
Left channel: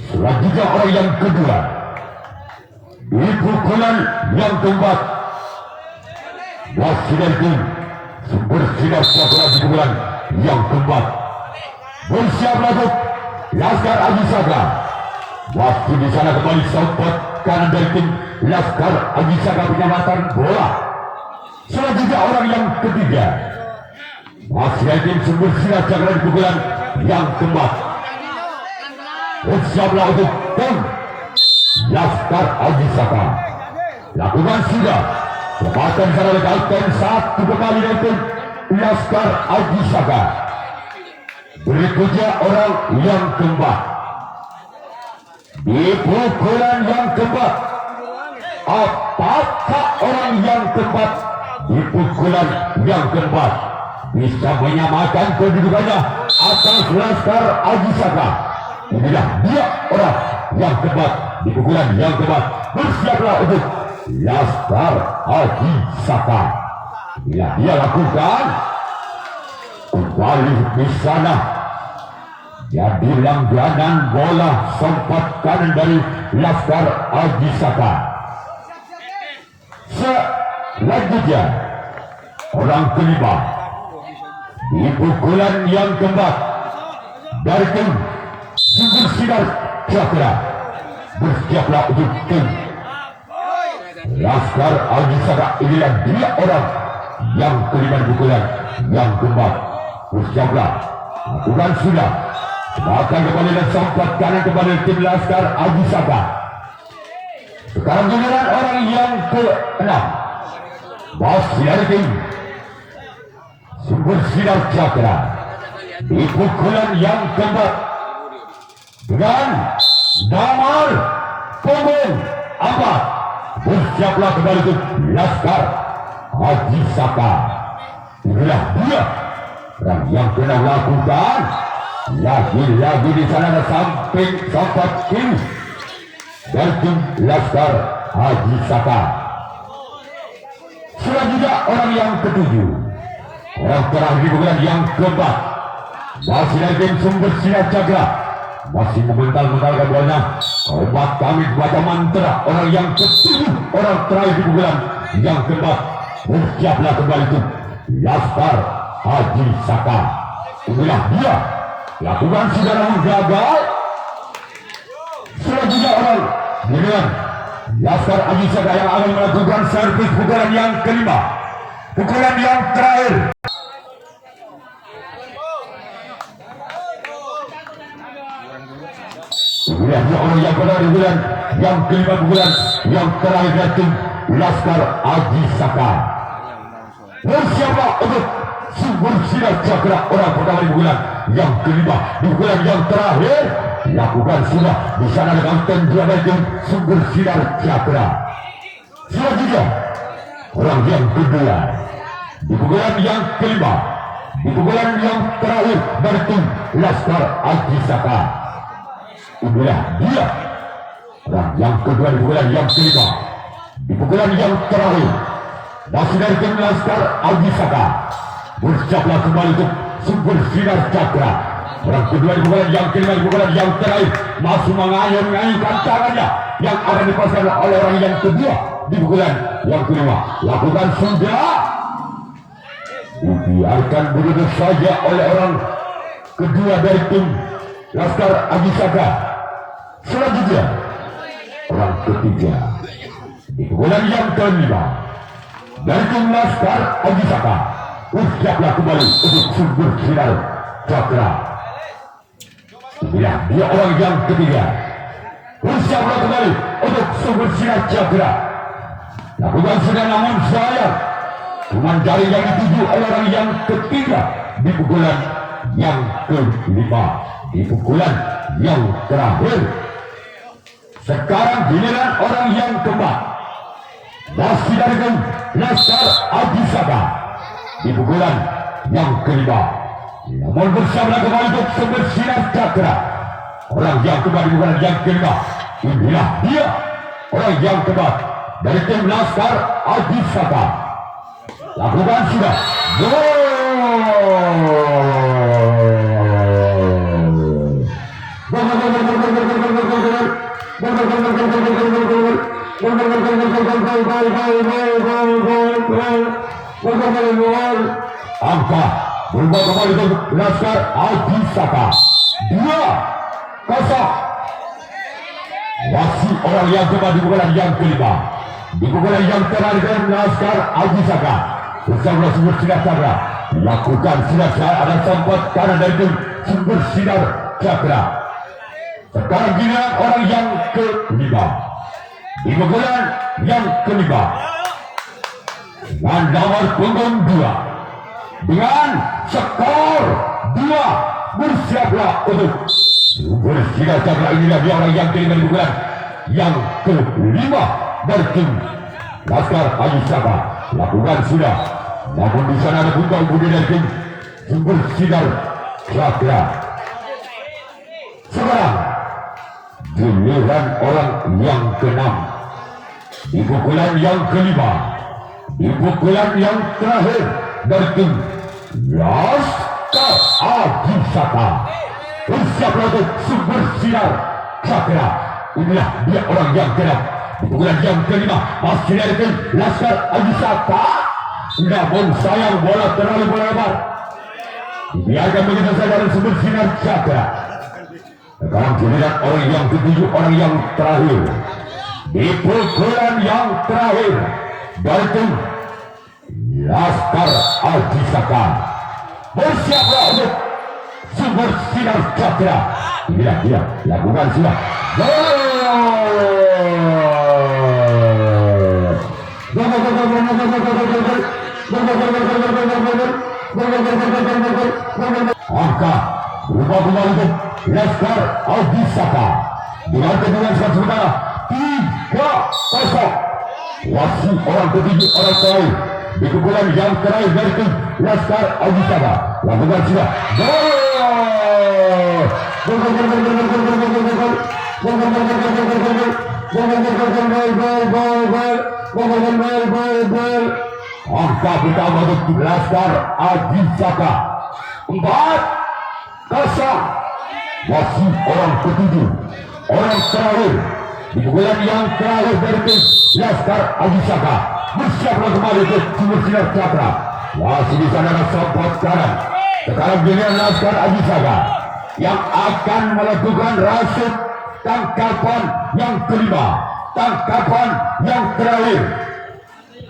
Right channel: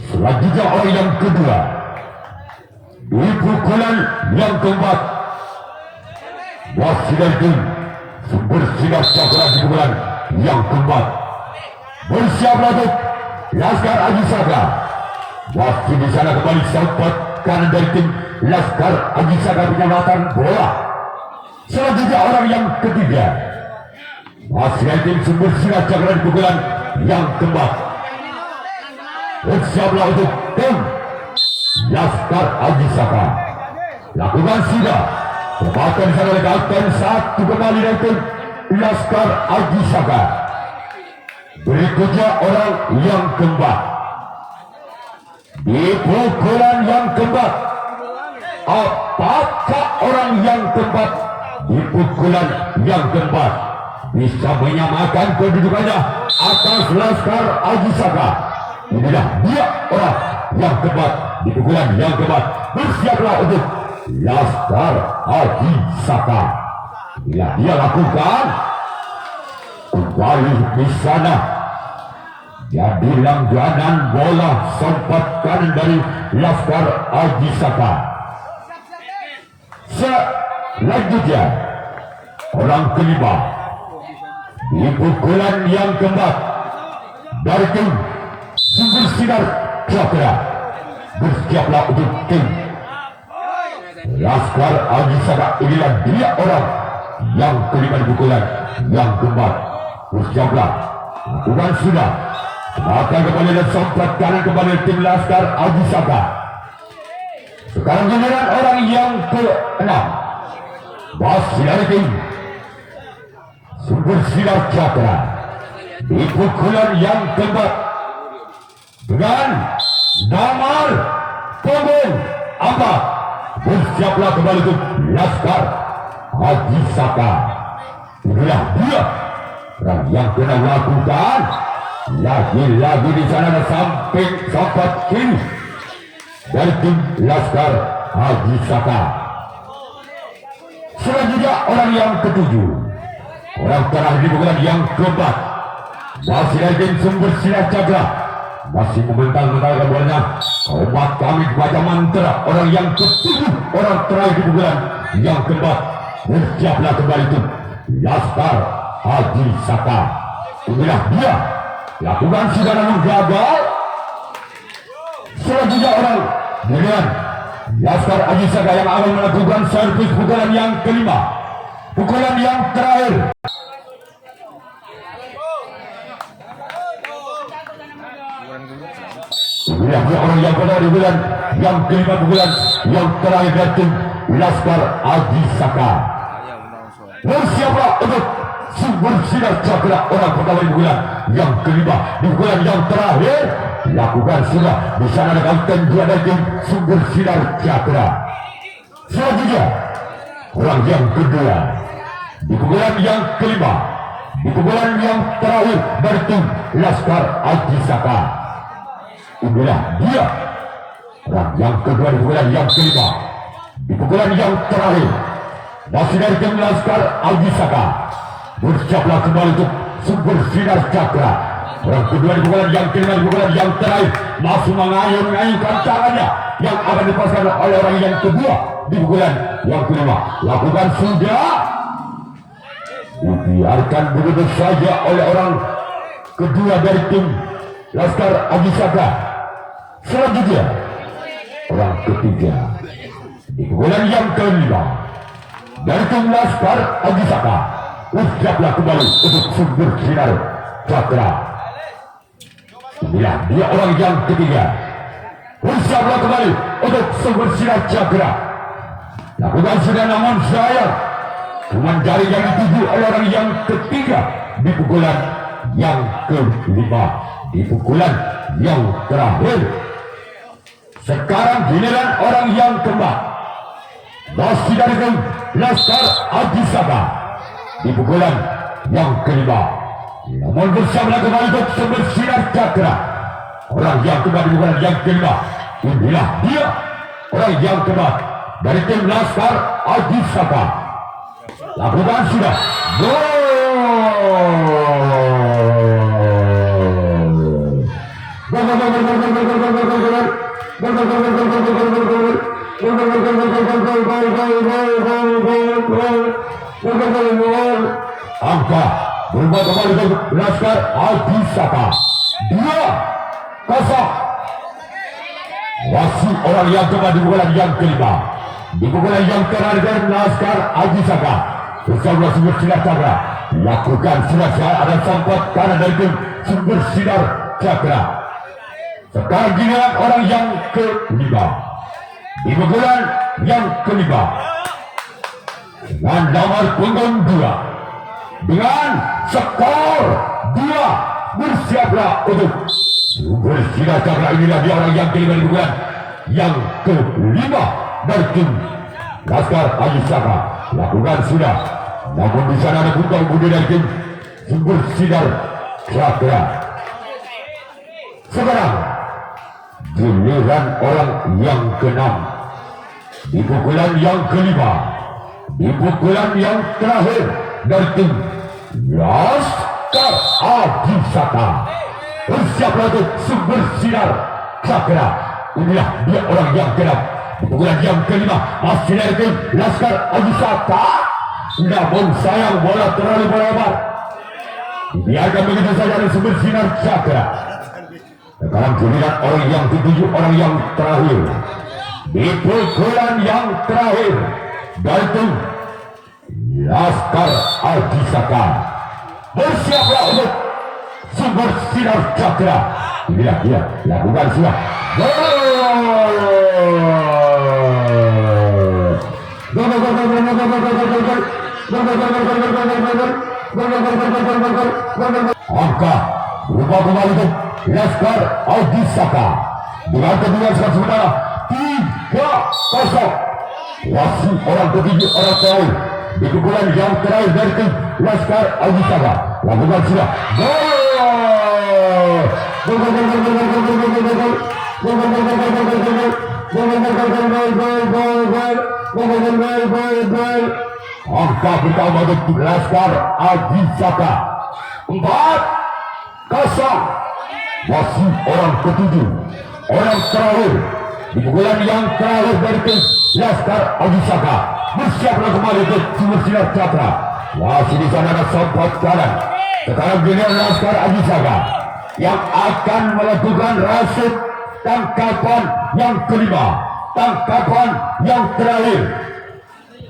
Selanjutnya orang yang kedua di pukulan yang keempat masih dari tim sumber sinar cakra di pukulan yang keempat. Bersiaplah untuk Laskar Abhisaka. Masih di sana kembali sompot kanan dari tim Laskar Abhisaka penyelamatan bola. Selanjutnya orang yang ketiga masih dari tim sumber sinar cakra di pukulan yang keempat. Bersiaplah untuk tim Laskar Abhisaka. Lakukan sudah. Bahkan sana oleh kapten 1 kembali dari tim Laskar Abhisaka. Berikutnya orang yang keempat di pukulan yang keempat. Apakah orang yang keempat di pukulan yang keempat bisa menyamakan kedudukannya atas Laskar Abhisaka? Inilah dia orang yang keempat di pukulan yang keempat. Bersiaplah untuk Laskar Abhisaka. Inilah dia lakukan kembali di sana. Jadi langganan bola sempat kanan dari Laskar Abhisaka. Selanjutnya orang kelima di pukulan yang keempat dari tim Sumber Sinar Cakra. Bersiaplah untuk tim Laskar Agi Saka. Inilah dia orang yang kelima pukulan yang keempat. Bersiaplah, lakukan sudah. Maka kembali dan sampai kanan kembali tim Laskar Agi Saka. Sekarang giliran orang yang ke-6. Masih dari tim Sumber Sinar Cakra. Di pukulan yang keempat dengan nomor punggung 4. Bersiaplah kembali tim Laskar Agi Saka. Inilah dia orang yang kena lakukan. Lagi-lagi di sana ada samping sempat kiri dari tim Laskar Agi Saka. Selanjutnya orang yang ketujuh, orang terakhir di bulan yang keempat, masih dari tim Sumber Sinar Cakra. Masih memental-mentalkan bolanya. Obat kami baca mantra. Orang yang ketujuh, orang terakhir di bulan yang keempat. Bersiaplah kembali tim Laskar Agi Saka. Inilah dia. Lakukan sudah namun gagal. Selanjutnya orang dengan Laskar Agi Saka yang akan melakukan servis pukulan yang kelima. Pukulan yang terakhir. Inilah dia orang yang benar di bulan yang kelima pukulan yang terakhir dari tim Laskar Agi Saka. Bersiaplah untuk Sumber Sinar Cakra. Orang pertama di bulan yang kelima. Di bulan yang terakhir lakukan sudah. Di sana ada kapten dua dari tim Sumber Sinar Cakra. Selanjutnya orang yang kedua di pukulan yang kelima. Di pukulan yang terakhir dari tim Laskar Agi Saka. Inilah dia orang yang kedua di pukulan yang kelima. Di pukulan yang terakhir masih dari tim Laskar Agi Saka. Bersiaplah kembali untuk Sumber Sinar Cakra. Orang kedua di pukulan yang kelima, di pukulan yang terakhir masih mengayun-ngayunkan tangannya yang akan dipasang oleh orang yang kedua di pukulan yang kelima. Lakukan sudah. Dibiarkan begitu saja oleh orang kedua dari tim Laskar Agi Saka. Selanjutnya orang ketiga di pukulan yang kelima dari tim Laskar Agi Saka. Bersiaplah kembali untuk Sumber Sinar Cakra. Inilah dia orang yang ketiga. Bersiaplah kembali untuk Sumber Sinar Cakra. Lakukan sudah namun saya dengan jari yang dituju oleh orang yang ketiga di pukulan yang kelima. Di pukulan yang terakhir. Sekarang giliran orang yang keempat. Masih dari tim Laskar Agi Saka. Di pukulan yang kelima. Namun bersama kembali untuk Sumber Sinar Cakra. Orang yang keempat di pukulan yang kelima. Inilah dia orang yang keempat dari tim Laskar Agi Saka. Lakukan sudah. Angka berubah kembali untuk Laskar Agi Saka. 2-0. Masih orang yang keempat di pukulan yang kelima. Di pukulan yang terakhir dari Laskar Agi Saka. Bersama Sumber Sinar Cakra. Lakukan sudah ada sempat kanan dari tim Sumber Sinar Cakra. Sekarang giliran orang yang kelima. Di pukulan yang kelima. Dengan nomor punggung 2. Dengan skor 2. Bersiaplah untuk Sumber Sinar Cakra. Inilah dia orang yang kelima di pukulan yang kelima dari tim Laskar Agi Saka. Lakukan sudah. Namun di sana ada putar budi dari tim Sumber Sinar Cakra. Sekarang giliran orang yang ke-6. Di pukulan yang kelima. Di pukulan yang terakhir dari tim Laskar Agi Saka. Bersiaplah untuk Sumber Sinar Cakra. Inilah dia orang yang ke-6. Di pukulan yang kelima masih dari tim Laskar Agi Saka. Namun sayang bola terlalu melebar. Biarkan begitu saja bersinar cakra. Sekarang giliran orang yang ketujuh, orang yang terakhir. Di pukulan yang terakhir, Dalton Laskar Ajisaka bersiaplah untuk sumber sinar cakra. Gila, lakukan sudah. Angka berubah kembali ke Laskar Ajisaka dengan kemenangan sementara 3-0. Wasit orang ketujuh, orang terakhir di pukulan yang terakhir dari tim Laskar Ajisaka. Lakukan sudah. Angka pertama untuk Laskar Ajisaka 4-0. Wasit orang ketujuh, orang terakhir di pukulan yang terakhir dari tim Laskar Ajisaka bersiaplah kembali ke sumber sinar cakra. Masih di sana ada sobat kanan. Sekarang dengan Laskar Ajisaka yang akan melakukan rasut tangkapan yang kelima, tangkapan yang terakhir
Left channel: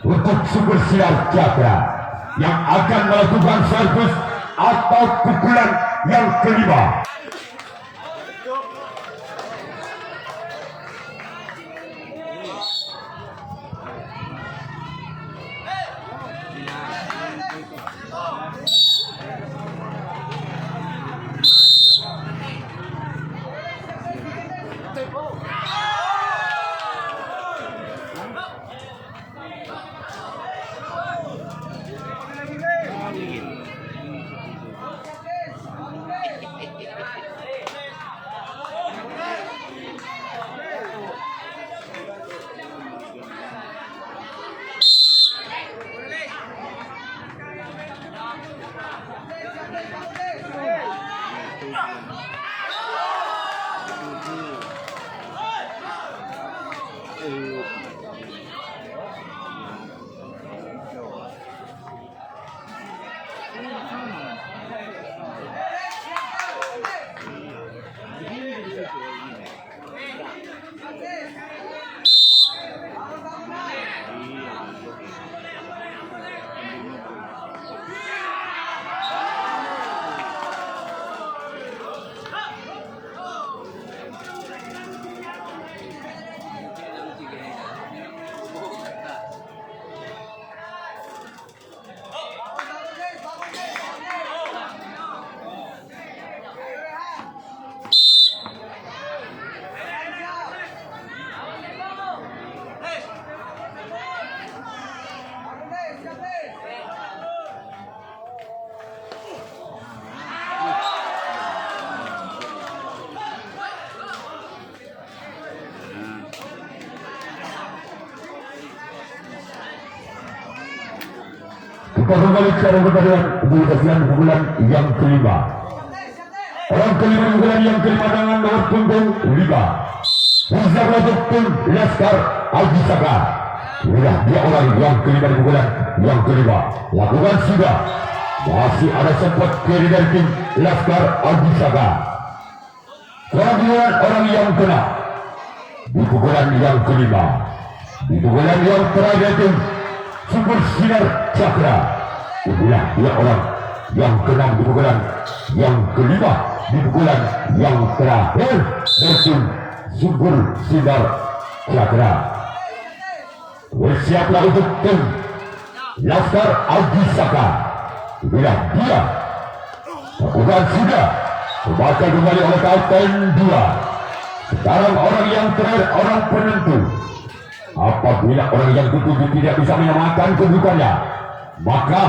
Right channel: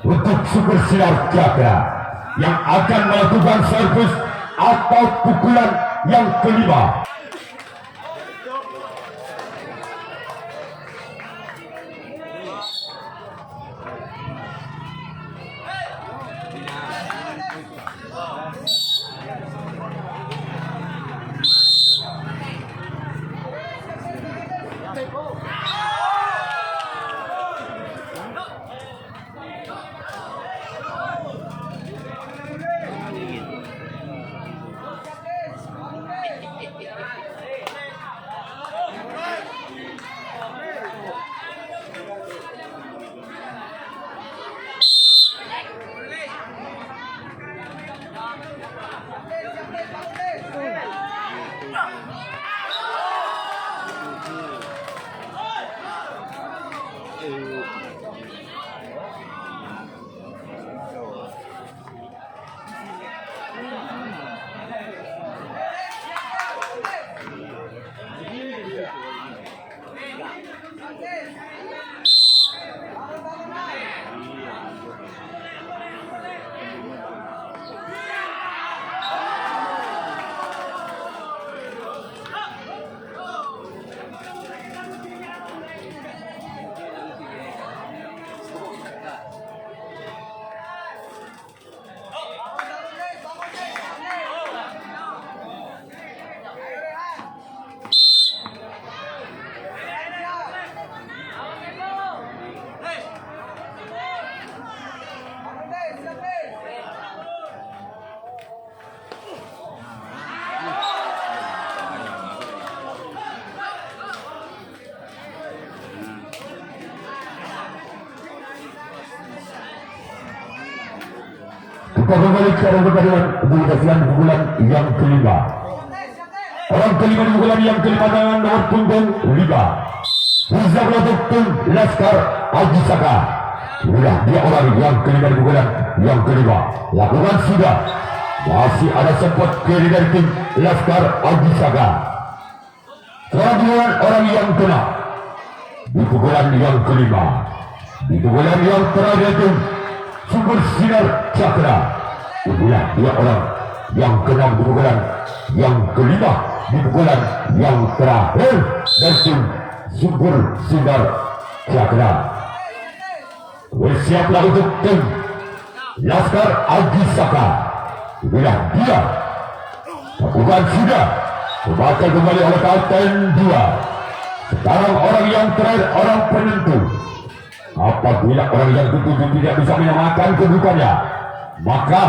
untuk sumber sinar cakra yang akan melakukan servis atau pukulan yang kelima. Kita kembali sekarang kepada pukulan yang kelima. Orang kelima di pukulan yang kelima dengan nomor punggung 5. Pusat untuk tim Laskar Ajisaka. Inilah dia orang yang kelima di pukulan yang kelima. Lakukan sudah. Masih ada sempat kiri dari tim Laskar Ajisaka. Sekarang giliran orang yang kena di pukulan yang kelima. Di pukulan yang terakhir tim sumber sinar cakra. Inilah dia orang yang keenam di pukulan yang kelima, di pukulan yang terakhir dari tim sumber sinar cakra. Bersiaplah untuk tim Laskar Ajisaka. Inilah dia. Lakukan sudah. Dipakai kembali oleh Kapten 2. Sekarang orang yang terakhir, orang penentu. Apabila orang yang ketujuh tidak bisa menyelamatkan kedudukannya, maka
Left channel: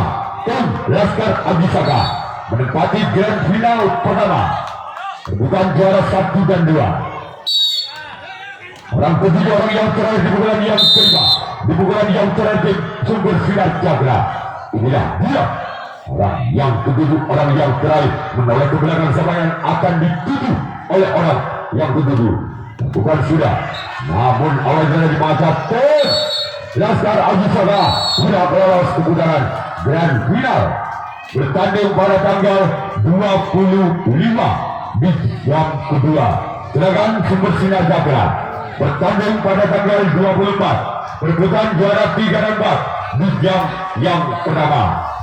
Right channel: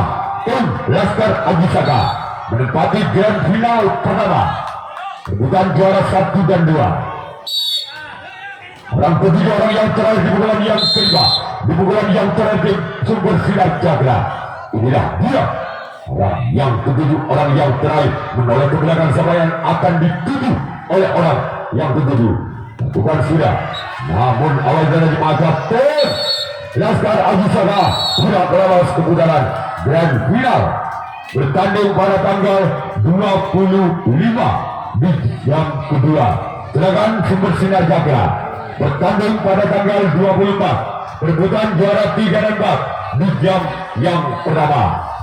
tim Laskar Ajisaka menempati grand final pertama, kedudukan juara 1 dan 2. Orang ketujuh, orang yang terakhir di pukulan yang kelima, di pukulan yang terakhir sumber sinar cakra. Inilah dia. Orang yang ketujuh, orang yang terakhir menolak ke belakang siapa yang akan dituju oleh orang yang ketujuh. Lakukan sudah. Namun awal dari mata tim Laskar Ajisaka sudah lolos ke putaran grand final bertanding pada tanggal 25 di jam kedua. Sedangkan Sumber Sinar Jaga bertanding pada tanggal 24 perebutan juara 3 dan 4 di jam yang pertama.